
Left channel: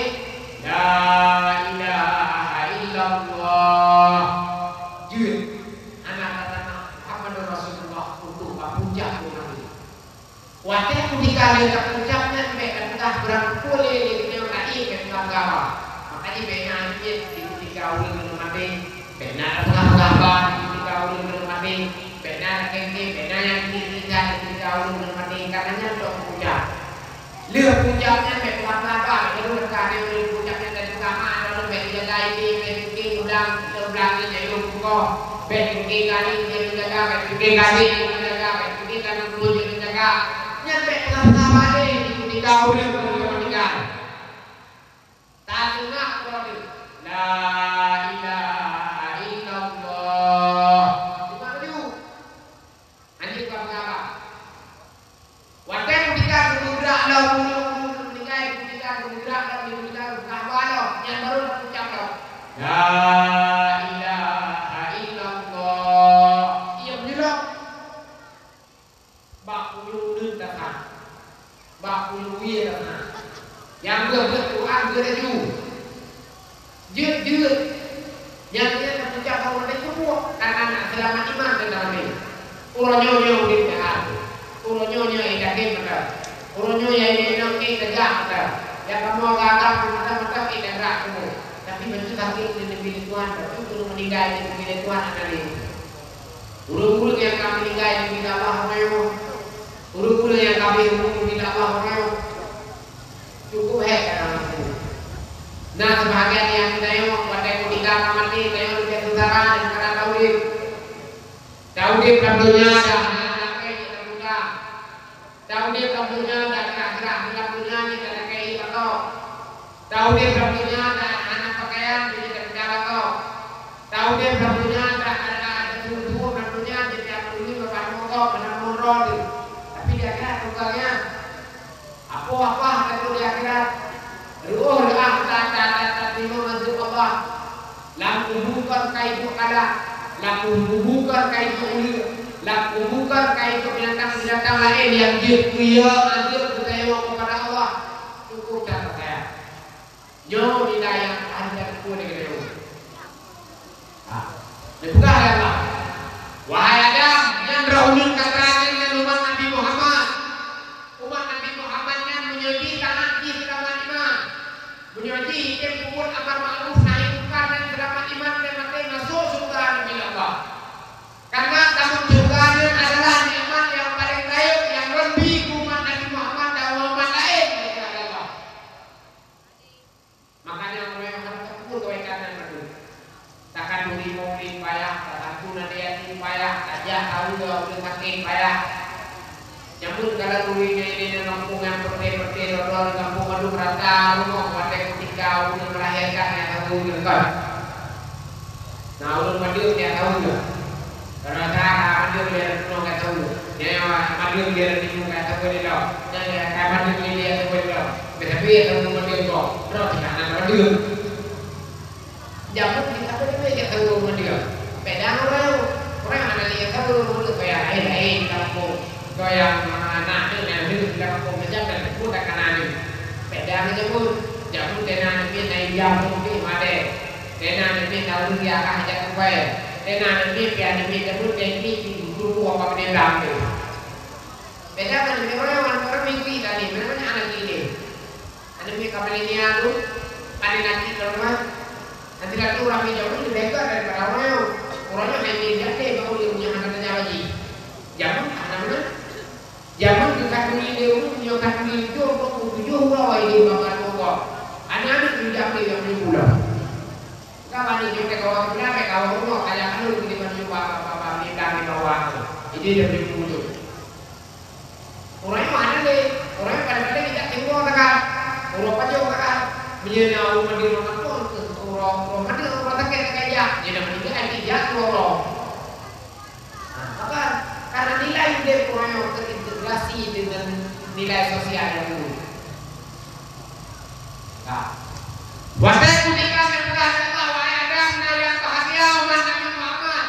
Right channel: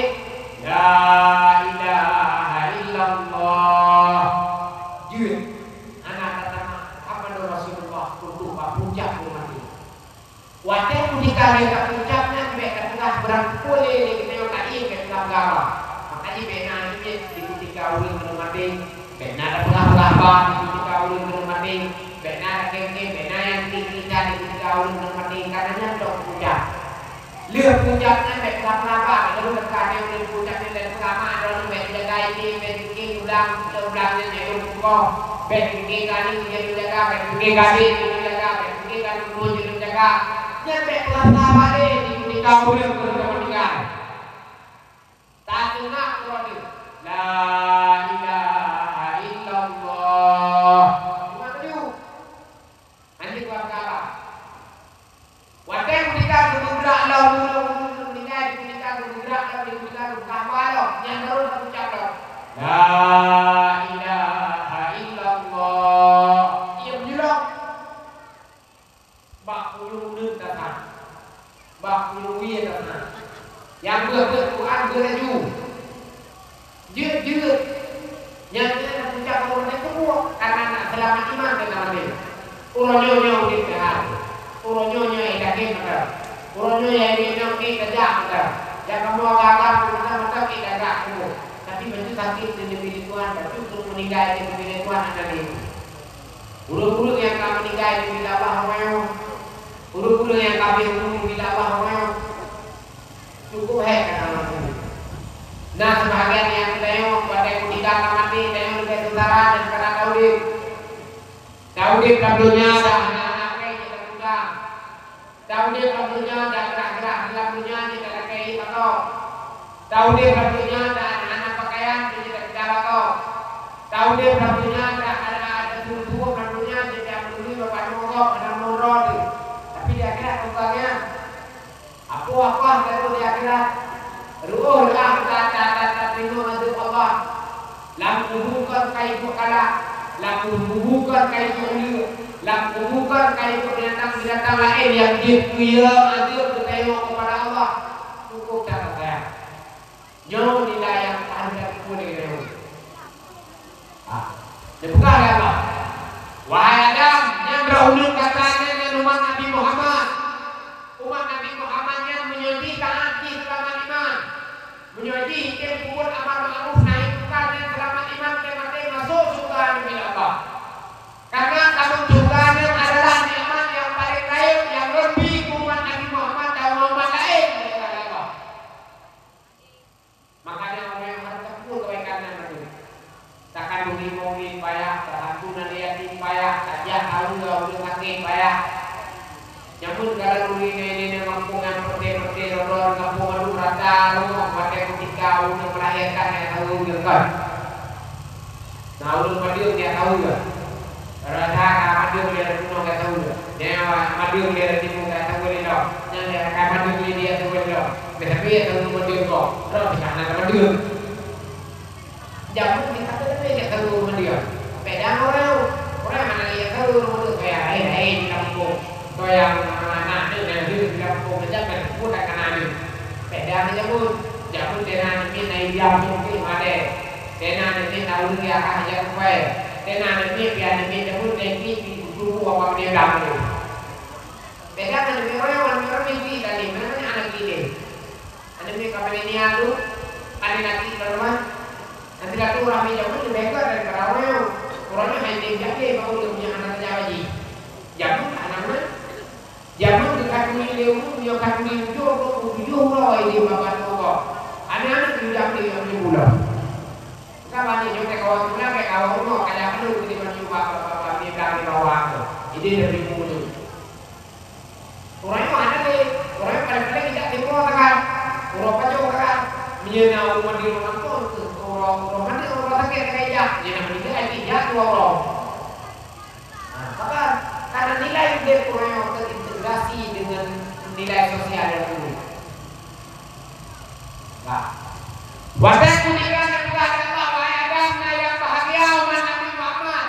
La ilaha illallah. Jut anak nama Muhammadur Rasulullah untuk puncak pun mati. Wadah ketika dia puncaknya mereka tengah berangkul dia tadi ke dalam gambar. Makanya mereka ini di ketika ulun belum mati. Mereka ada pengalaman di ketika ulun belum mati. Mereka ada kengkeng, mereka yang kita di ketika ulun belum mati. Karenanya untuk puncak. Lihat puncaknya mereka pengalaman. Mereka berkata ulun puncaknya dari pertama adalah mereka lain di mereka ulang-ulangnya jadi untuk mereka kali dia menjaga, mereka kali dia menjaga, mereka kali dia menjaga. Nyampe pertama deh di kamu belum meninggal. Tak dengar Quran. La ilaha illallah. Cuma tu. Ani buat apa? Wadah meninggal bergerak lau meninggal bergerak lau berkabar lau. Yang baru nak ucap lau. La ilaha illallah. Ia menjelok. Bak ulun datang. Bak ulun datang. Yang Quran beraju. Jut. Yang dia nak ucap orang itu buat karena selamat iman dan nabi. Uronyo di pihak. Uronyo idake maka. Uronyo ini nak kerja maka. Ya kamu agak mata kita gerak kamu. Tapi begitu sakit di Tuhan, tapi terus meninggal di Tuhan ada ini. Guru-guru yang kami meninggal di Allah orang. Guru-guru yang kami di Allah orang. Cukup baik kata aku. Nah sebahagian yang tengok pada kita mati tengok lebih utara dan sekarang Daud kabelnya dah apa kita buka. Daud kabelnya dah gerak-gerak kabelnya kita pakai kau. Daud kabelnya dah anak pakaian kita bicara kau. Daud kabelnya dah ada suruh kabelnya jadi perlu bapak mongkok ada morot. Tapi dia kira tukangnya apa itu di akhirat. Ruh tak terima mazhab Allah. Lam kubukan kai itu kala, lam kubukan kai itu ulia, lam kubukan kai itu binatang lain yang dia azab bertanya kepada Allah. Cukup cara saya. Jauh tidak yang harga kuat dengan itu. Dibuka ya Allah. Wahai Adam, yang berulun kata dengan umat Nabi Muhammad. Umat Nabi Muhammad yang menjadi tangan di selamat iman, menjadi yang buat amar ma'ruf nahi munkar dan selamat iman dan mati masuk surga Nabi Allah. Karena kamu surganya adalah nikmat yang paling baik yang lebih umat Nabi Muhammad dan umat lain dari Allah. Makanya orang yang harus tekun kebaikan dan berdua. Takkan mungkin payah, takkan guna dia payah, saja tahu udah makin payah. Namun kalau ini kampung yang perde orang kampung adu rata rumah pada ketika untuk melahirkan yang tahu juga. Nah ulun madiun dia tahu juga. Rata madiun dia semua dia tahu juga. Dia madiun dia timur dia tahu dia tahu. Yang dia kayak madiun dia tahu dia tahu. Tetapi dia tahu madiun kok. Terus jangan madiun. Jamu kita dia tahu madiun. Pedang orang mana dia tahu madiun kayak di kampung. Yang anak itu yang hidup di kampung saja dan mudah kanan. Beda aja pun, jamu tenan ini naik jam mungkin ada. Tenan ini tahu dia akan jaga kue. Tenan ini biar ini jamu tinggi di buku apa dia dalam. Beda kan orang mimpi tadi mana anak ini. Anak ini kapan ini aku? Ada nanti kalau nanti kata orang ini jamu lebih baik daripada orangnya hanya jadi baru dia punya anak saja lagi. Jamu anak-anak zaman dekat dunia dia pun punya kaki itu kok tujuh lah ini bapak pokok. Anak-anak tidak dia punya pulau. Ini lebih mulut. Orangnya mana deh? Orangnya kadang-kadang tidak timbul kan? Orang pajak kan? Dia nak umur dia makan pun orang mana orang sakit kayak dia nak menjadi aja jatuh orang. Nah, maka karena nilai dia orang terintegrasi dengan nilai sosial yang dulu. Nah, wahai kuningan yang berada Allah, wahai Adam, nah yang bahagia umat Nabi Muhammad,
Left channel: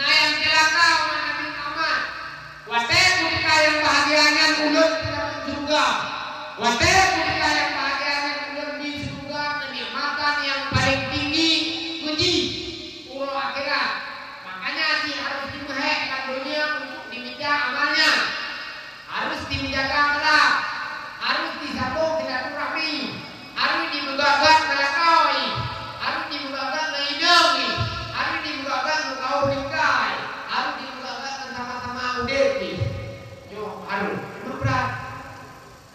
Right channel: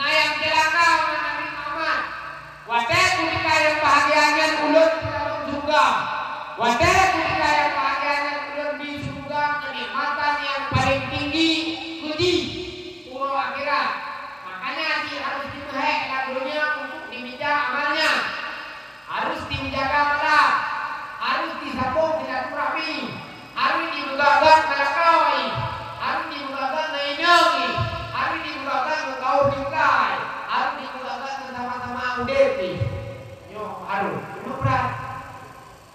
nah yang celaka umat Nabi Muhammad. Wahai kuningan yang bahagianya mulut dalam surga, wahai kuningan yang bahagianya mulut di surga, kenikmatan yang paling tinggi, puji, uruh akhirat. Makanya dia harus dimehekkan dunia untuk diminta amalnya, harus dijaga akhlak, harus disambung silaturahmi, harus dibukakan melakoi, harus dibukakan nainangi, harus dibukakan mengkau bingkai, harus dibukakan sama-sama udepi. Yo harus, itu berat.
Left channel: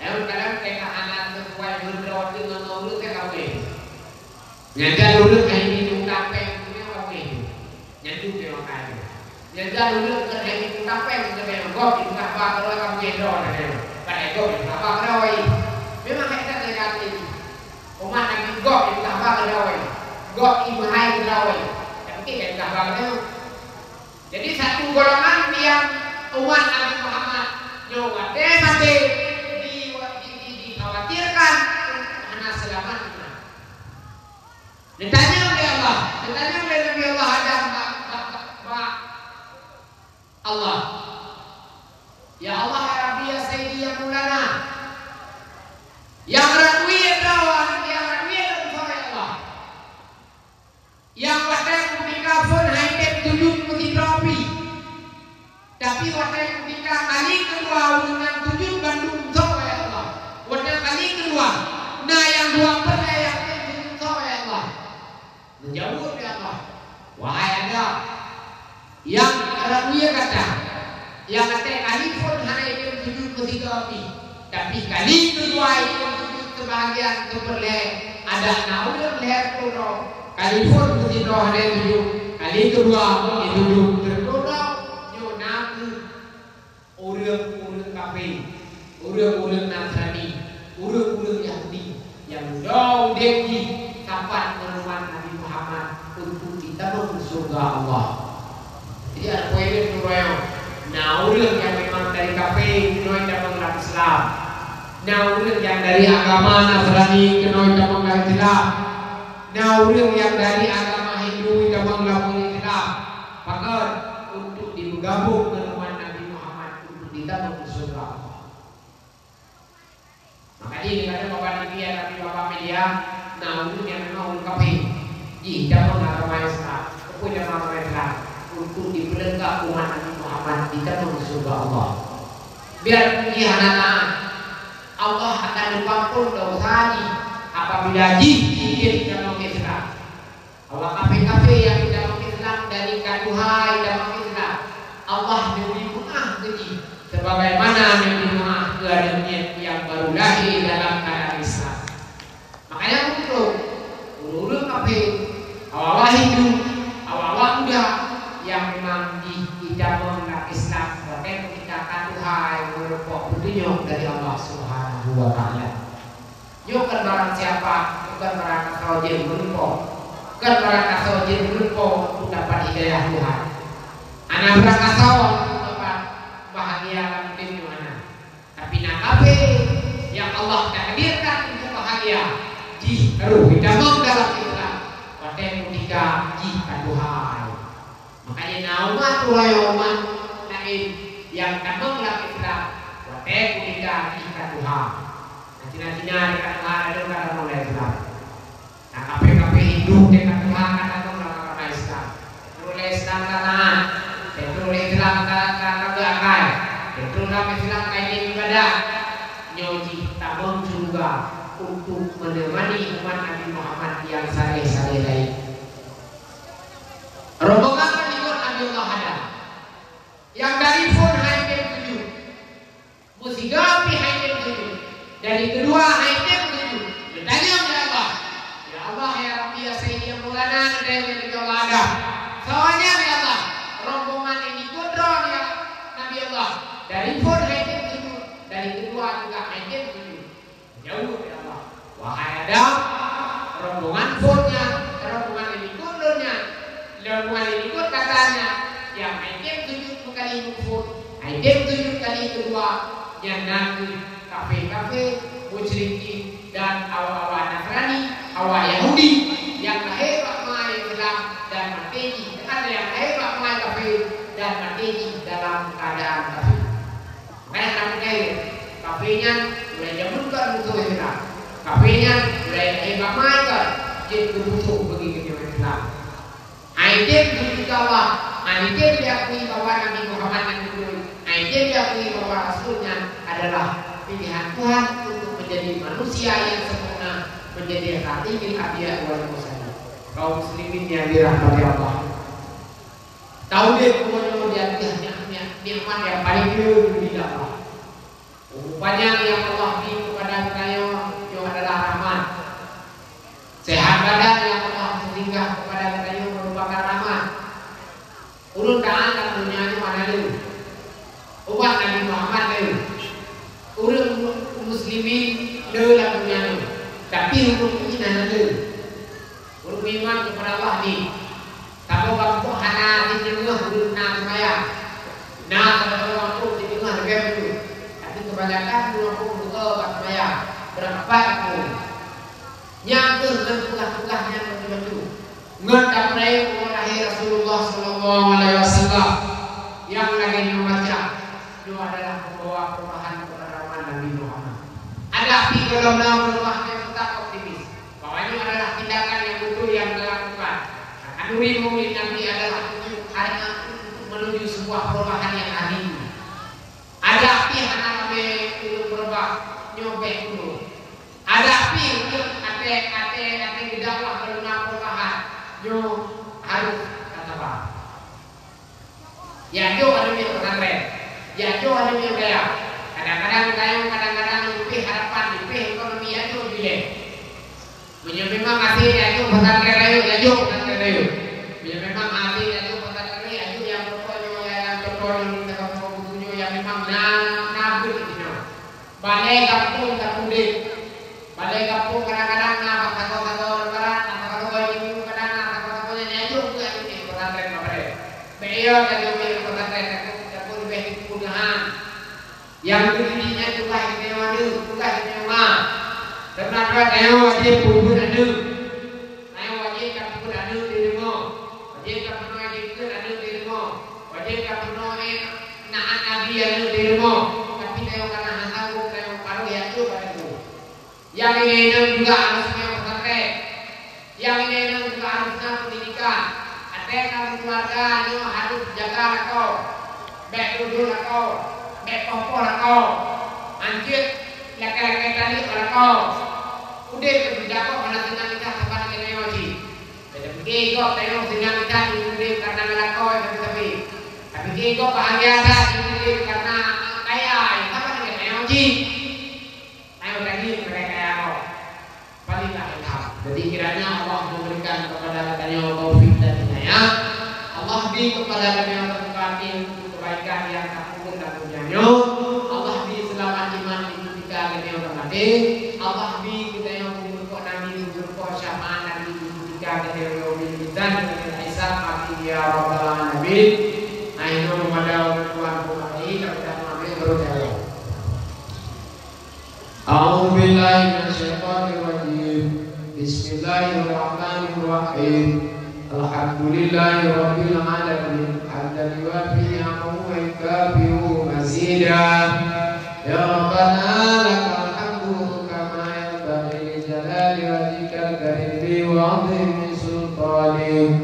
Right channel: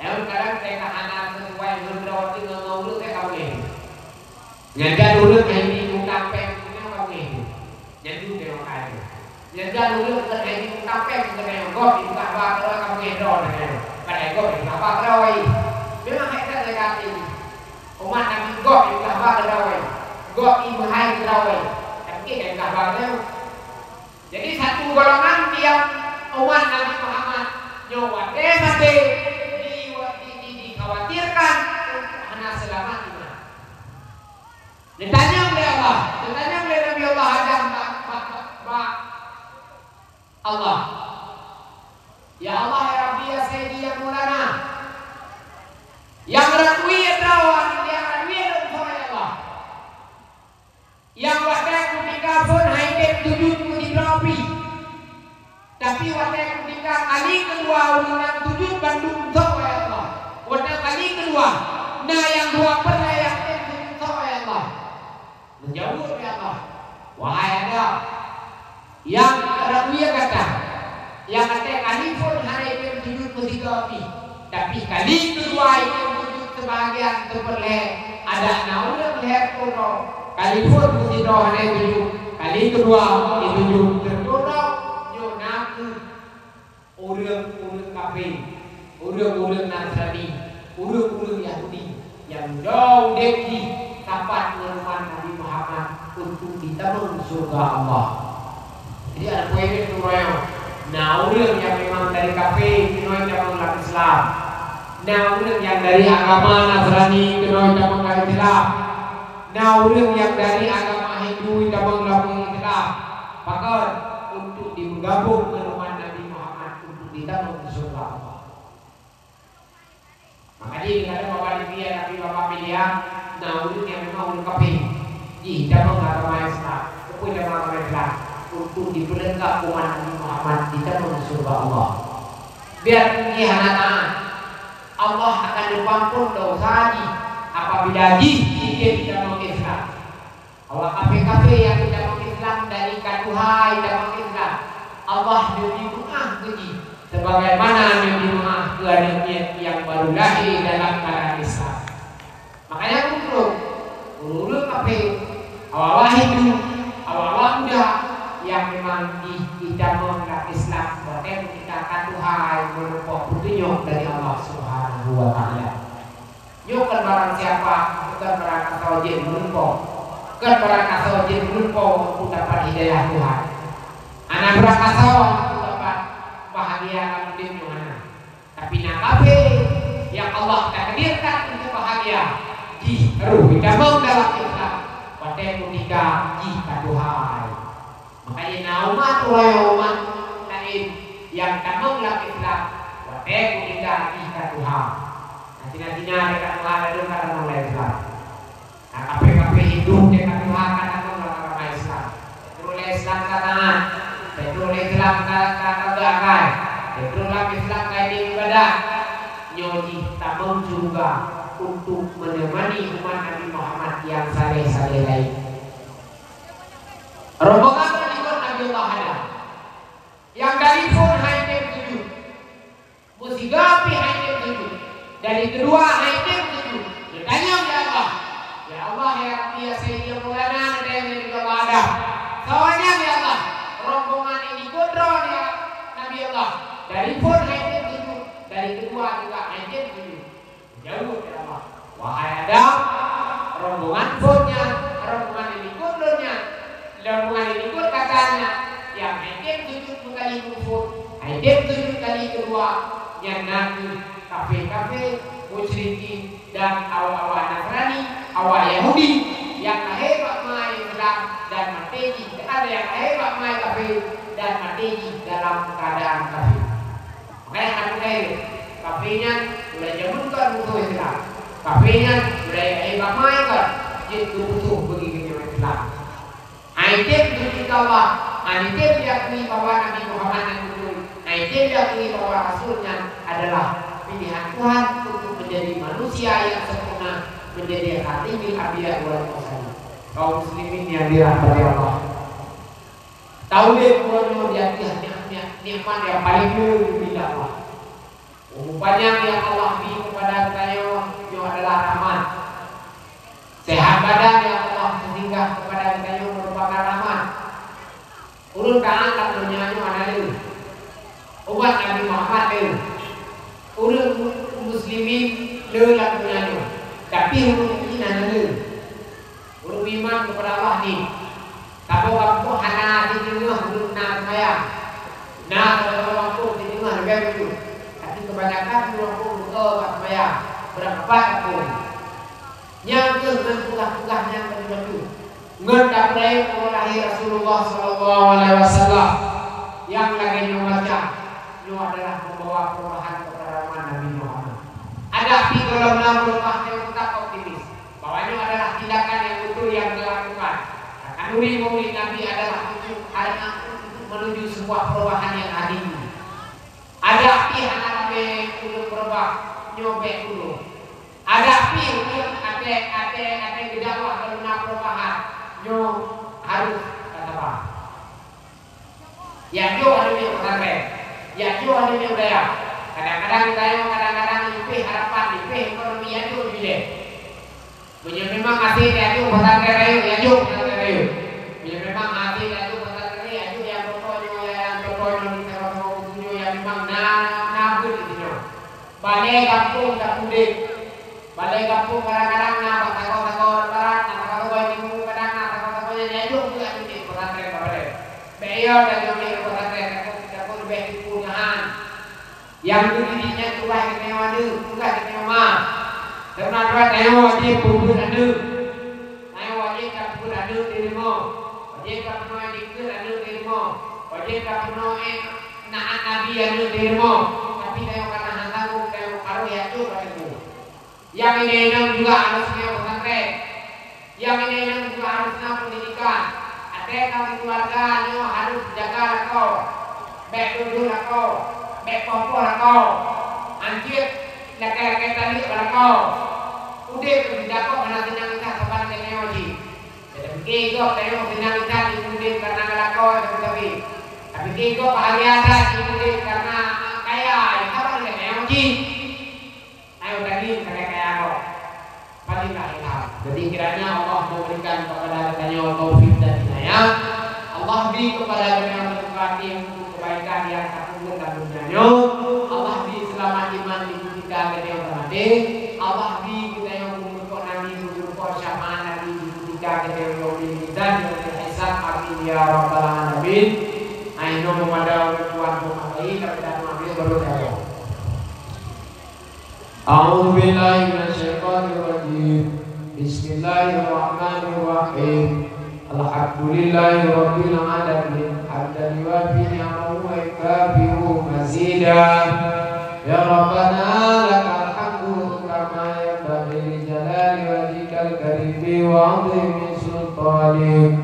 Lalu kadang saya kahanan sesuai menurut dengan urut saya kabeh. Nyajak urut kayak ini tampeng punya kabeh. Nyaju tengok kayu. Nyajak urut ke ini tampeng ke ini gop di bawah kalau kabeh dor dengan. Pada gop di bawah kalau memang kita dekat ini. Umat Nabi gop di bawah kalau gop ibu hai kalau. Tapi dari bawah itu. Jadi satu golongan yang umat Nabi Muhammad nyawa mati dikhawatirkan karena selamat iman. Ditanya oleh Allah, ditanya oleh Nabi Allah Adam, Allah, ya Allah ya Rabbi ya Sayyidi ya Mulana, yang rakui kawan, yang rakui oleh Allah, yang wadai ketika pun haitek tujuh putih Rabbi, tapi wadai ketika kali kedua yang tujuh Bandung oleh Allah, wadai kali kedua, nah yang dua pernah yang tujuh oleh Allah, menjauh dari Allah, wahai Adam, yang rakui kata, yang kata kali pun haitek tujuh putih Rabbi, tapi kali kedua yang tujuh sebahagian seperleh ada naudang leher kurang. Kali pun tidak ada tujuh, kali kedua ditujuh terkodok, yo naku urang kafe, urang Nasrani, urang Yahudi yang jauh dari tempat menemukan Nabi Muhammad untuk ditabung surga Allah. Jadi ada poin turun. Nah urang yang memang dari kafe, kenoi cabang Islam. Nah urang yang dari agama Nasrani, kenoi cabang Islam. Nah orang yang dari agama Hindu cabang Islam, maka untuk digabung dengan umat Nabi Muhammad untuk ditabung surga Allah. Makanya dikatakan bapak media tapi bapak media, nah orang yang memang orang kafir di cabang agama Islam, pokoknya agama Islam untuk diperlengkap umat Nabi Muhammad ditabung surga Allah. Biar pergi anak Allah akan diampun dosa apabila sedikit dalam Islam. Allah kafe-kafe yang dalam Islam dari kaduhai dalam Islam, Allah lebih maaf lagi sebagaimana yang dimaaf ke yang baru lahir dalam keadaan Islam. Makanya urut kafe awal hidup awal muda yang memang di dalam Islam boleh kita kaduhai merupakan petunjuk dari Allah Subhanahu wa Ta'ala. Yo kan barang siapa, bukan barang kasau jin berupa, kan barang kasau jin berupa untuk dapat hidayah Tuhan. Anak barang kasau untuk dapat bahagia di mana. Tapi nak kafe yang Allah takdirkan untuk bahagia, harus ditabung dalam Islam. Pada ketika jika Tuhan, makanya umat lain yang tabung dalam Islam. Pada ketika jika Tuhan. Cina-cina dekat Tuhan ada dalam agama Islam. Nah, KPKP Hindu dekat Tuhan ada dalam agama Islam. Terus Islam tangan, terus Islam tangan keagamaan, terus Islam kayak ibadah. Nyoji tabung juga untuk menemani umat Nabi Muhammad yang saleh-saleh lain. Rombongan pengikut Nabi Muhammad yang dari pun hanya 7, musigapi hanya 7. Dari kedua haidir 7. rombongan purnya, rombongan ini kudurnya, rombongan ini ikut katanya, yang item sujud kali kufur, item sujud kali kedua, yang nabi kafe-kafe, musyrikin dan awal-awal Nasrani, awal Yahudi yang hebat main Islam dan mati, ada yang hebat main kafir dan mati dalam keadaan kafir. Makanya anak kafirnya mulai jamunkan musuh Islam, kafirnya mulai hebat main kan, jadi musuh bagi kenyang Islam. Aisyah berita Allah, Aisyah diakui bahwa Nabi Muhammad yang betul, Aisyah diakui bahwa Rasulnya adalah pilihan Tuhan untuk menjadi manusia yang sempurna, menjadi khatimul anbiya wal mursalin. Kaum muslimin yang dirahmati Allah. Tauhid bahwa dia nikmat yang paling dulu di Allah. Rupanya yang Allah beri kepada kita yang adalah rahmat. Sehat badan yang Allah berikan kepada kita yang merupakan rahmat. Urun kaan dan dunia itu ada dulu. Umat Nabi Muhammad dulu. Urun muslimin dulu dalam dunia itu. Tapi urun ini ada dulu. Urun iman kepada Allah ni. Tahu waktu hana di tengah urun nak semaya. Nah kalau waktu di tengah negara itu. Tapi kebanyakan waktu buka kat semaya. Berapa pun. Yang tu dengan tugas-tugasnya begitu. Ngendak mereka lahir Rasulullah Sallallahu Alaihi Wasallam yang lagi membaca, itu adalah membawa perubahan kepada umat Nabi Muhammad. Ada di dalam rumah yang tetap optimis bahwa ini adalah tindakan yang betul yang dilakukan. Nuri murid Nabi adalah untuk menuju sebuah perubahan yang adil. Ada di hana untuk berubah nyobek dulu. Ada di ada dakwah karena perubahan. Yo harus kata apa? Ya yo ada yang orang ya yo ada yang kaya. Kadang-kadang itu harapan itu ekonomi ya yo bile. Punya memang hati ya yo orang kaya ya yo orang kaya. Punya memang hati ya yo orang kaya ya yo yang berkoyo yang memang na begitu. Balai kampung terpudik. Balai kampung kadang-kadang takut barat yang berdirinya juga istimewa itu, juga istimewa. Karena nyawa wajib pun ada, nyawa wajib pun ada dirimu, wajib pun ada dirimu, wajib pun naat nabi ada dirimu. Tapi kalau karena hantamu, kalau paruh ya itu padamu. Yang ini juga harusnya pesantren, yang ini juga harusnya pendidikan. Ada kamu keluarga ini harus jaga kau, baik dulu kau. Baik kompor kau, anjir, laki-laki tadi orang kau, udah berbicara kau mana senang kita sebarang teknologi. Tapi kau tengok senang kita dimudik karena melakau yang tapi kau bahagia dimudik karena kaya, apa dengan teknologi? Ayo tadi mereka yang kau, palinglah kita. Jadi kiranya Allah memberikan kepada kita yang taufik dan hidayah. Allah beri kepada kita yang berkati untuk kebaikan yang terkubur dan Allah di selama iman itu kita ada yang bermati. Allah di kita yang berkor nabi berkor syafaat nabi itu kita ada yang bermati dan berhisab aku ya rabbal alamin. Aino memadai Tuhan memadai tapi tak mengambil baru saya. A'udzu billahi minasyaitonir rajim. Bismillahirrahmanirrahim. Alhamdulillahi rabbil alamin. Hatta liwafi ya'u wa ikabihu mazida. Ya Rabbana lakal hamdu kama yanbaghi jalali wajhikal karimi wa 'azimi sultanik.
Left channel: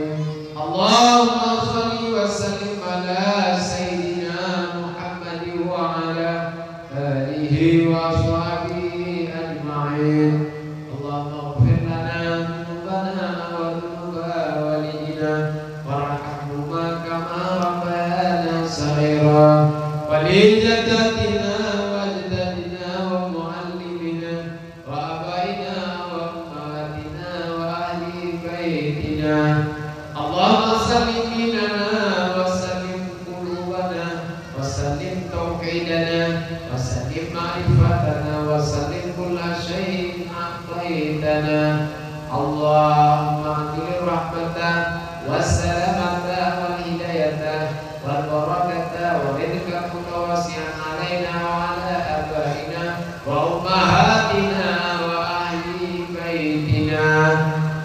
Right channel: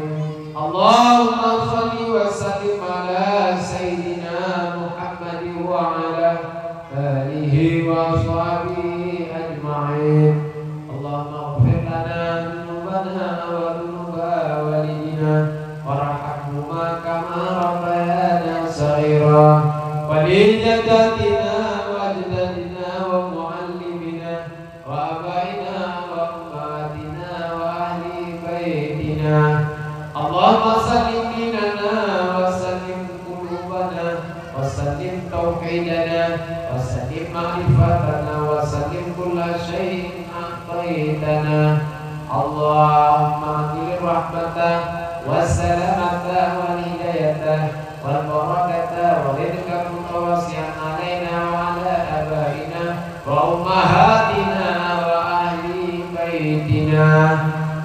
Allahumma shalli wa sallim ala sayyidina Muhammadin wa ala alihi wa sahbihi ajma'in. Allahumma ighfir lana dhunubana wa dhunuba walidina warhamhuma kama rabbayana shaghira wa li jaddatina wa ajdadina wa muallimina wa abaina wa ummahatina wa ahli baitina. Allahumma sallim dinana wa sallim qulubana wa sallim tauhidana wa sallim ma'rifatana wa sallim kulla syai'in a'taitana. Allahumma hdini rahmatah wassalamata wal hidayatah wal barakatah wa rizqaka mutawasi'an alaina wa ala abaina wa ummahatina wa ahli baitina.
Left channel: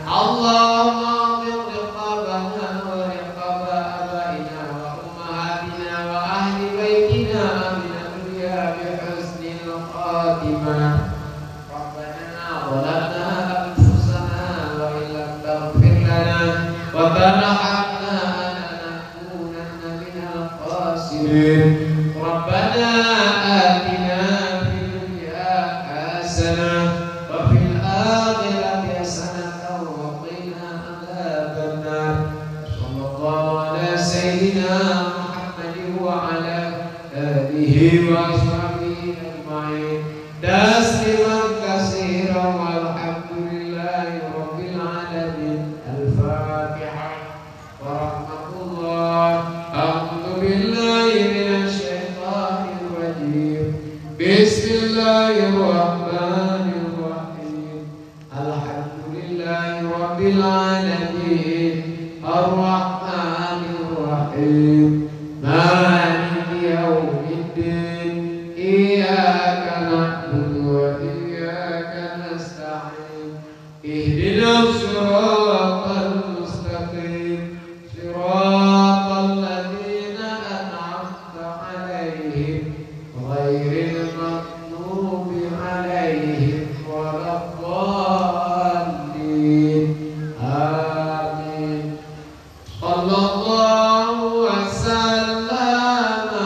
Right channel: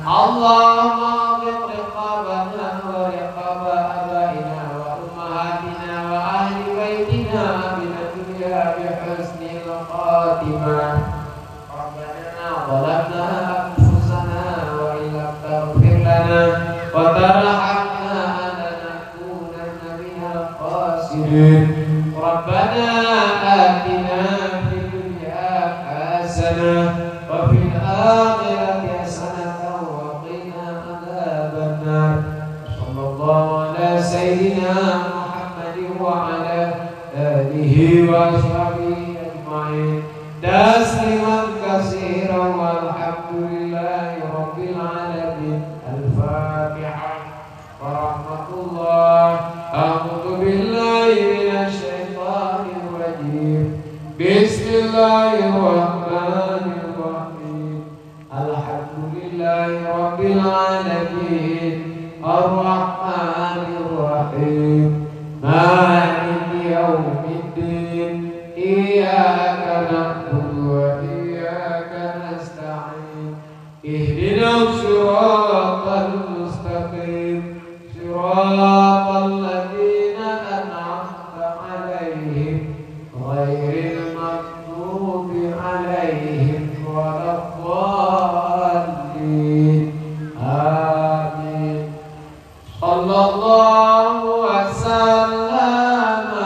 Allahumma a'tiq riqabana wa riqaba abaina wa ummahatina wa ahli baitina min ad-dunya bi husnil khatimah. Rabbana zalamna anfusana wa illam taghfir lana wa tarhamna lanakunanna minal khasirin. Rabbana atina fid dunya hasanah wa fil akhirati hasanah wa qina adzabannar. Sallallahu ala sayyidina Muhammadin wa ala alihi wa sahbihi ajma'in. Tasliman katsiran walhamdulillahi rabbil alamin. Al-Fatihah. Wa rahmatullah. A'udzu billahi minasy syaithanir rajim. Bismillahirrahmanirrahim. Alhamdulillahi rabbil alamin. Ar-Rahmanir Rahim. Maliki yaumiddin. Iyyaka na'budu wa iyyaka nasta'in. Ihdinas siratal mustaqim. Siratal ladzina an'amta 'alaihim ghairil maghdubi 'alaihim waladdallin. Amin. Sallallahu wasallama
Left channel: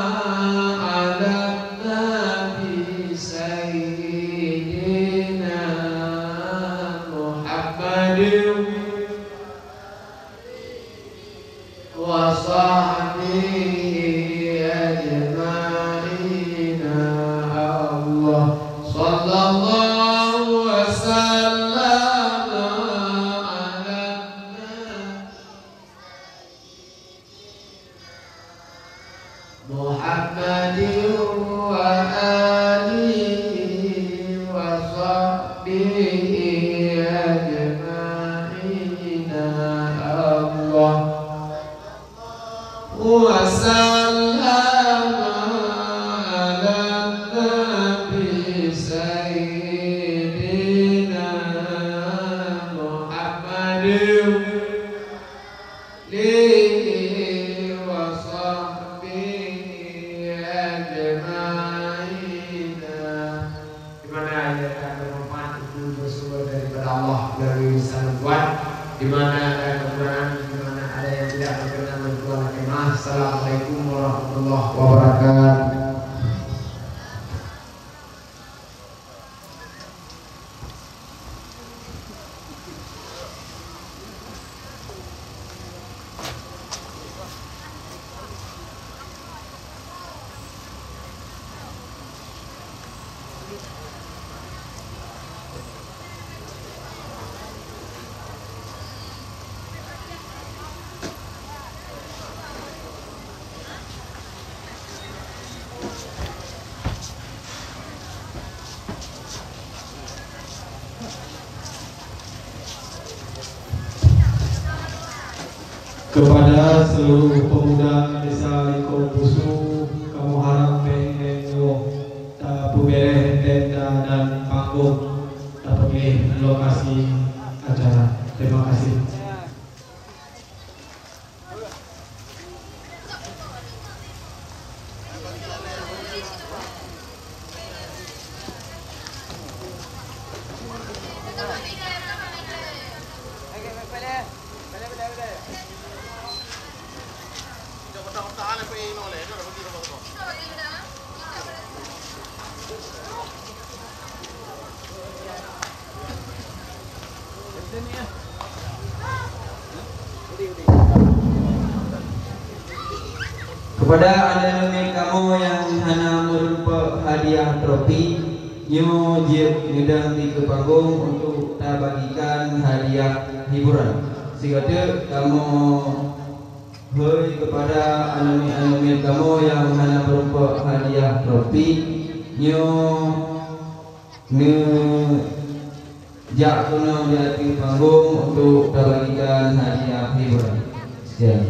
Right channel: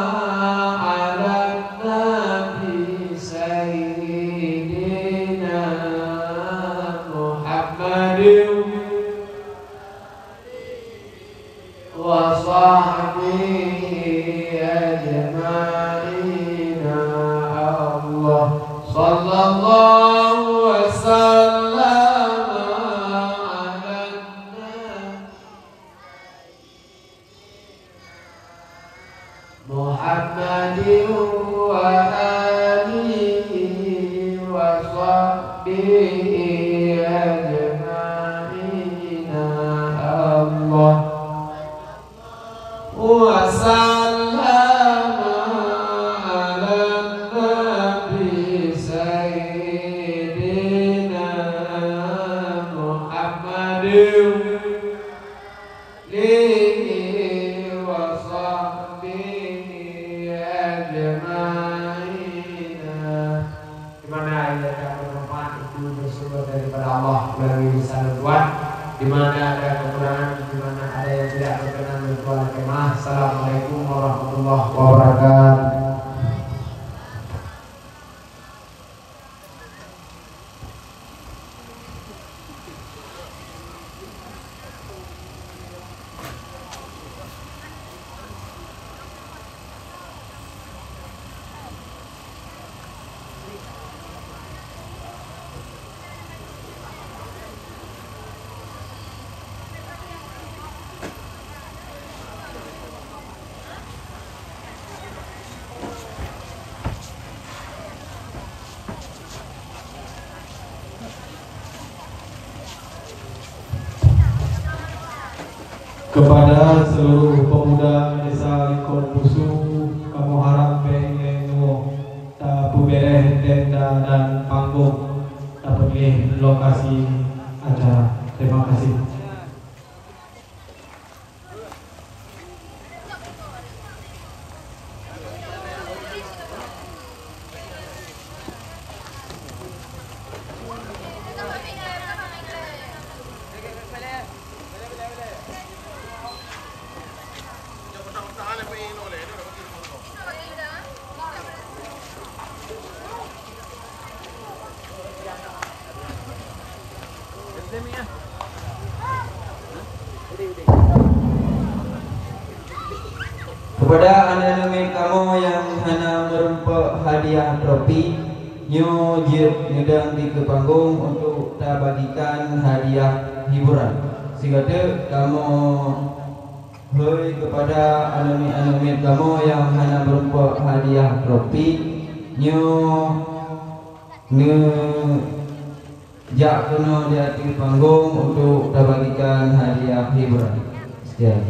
ala nabi sayyidina Muhammadin wa sahbihi ajma'in. Allah sallallahu wasallama ala Muhammadin wa alihi wa sahbihi ajma'in. Allah wa sallama ala nabi sayyidina Muhammadin wa sahbihi ajma'in. Di mana ayat yang bermanfaat itu bersumber daripada Allah melalui lisan Tuhan. Di mana ada kekurangan, di mana ada yang tidak berkenan berbuat kemah. Assalamualaikum warahmatullahi wabarakatuh. Kepada seluruh pemuda desa Liko Pusu, kamu harap pengenmu tak pemilih tenda dan panggung, tak pemilih lokasi acara. Terima kasih. Kepada anak-anak kamu yang hanya merempah hadiah trofi, nyu jip nyedang di ke panggung untuk kita bagikan hadiah hiburan. Sehingga kamu hei kepada anak-anak kamu yang hanya merempah hadiah trofi, nyu Jak kuno jating panggung untuk bagikan hadiah hiburan. Sekian.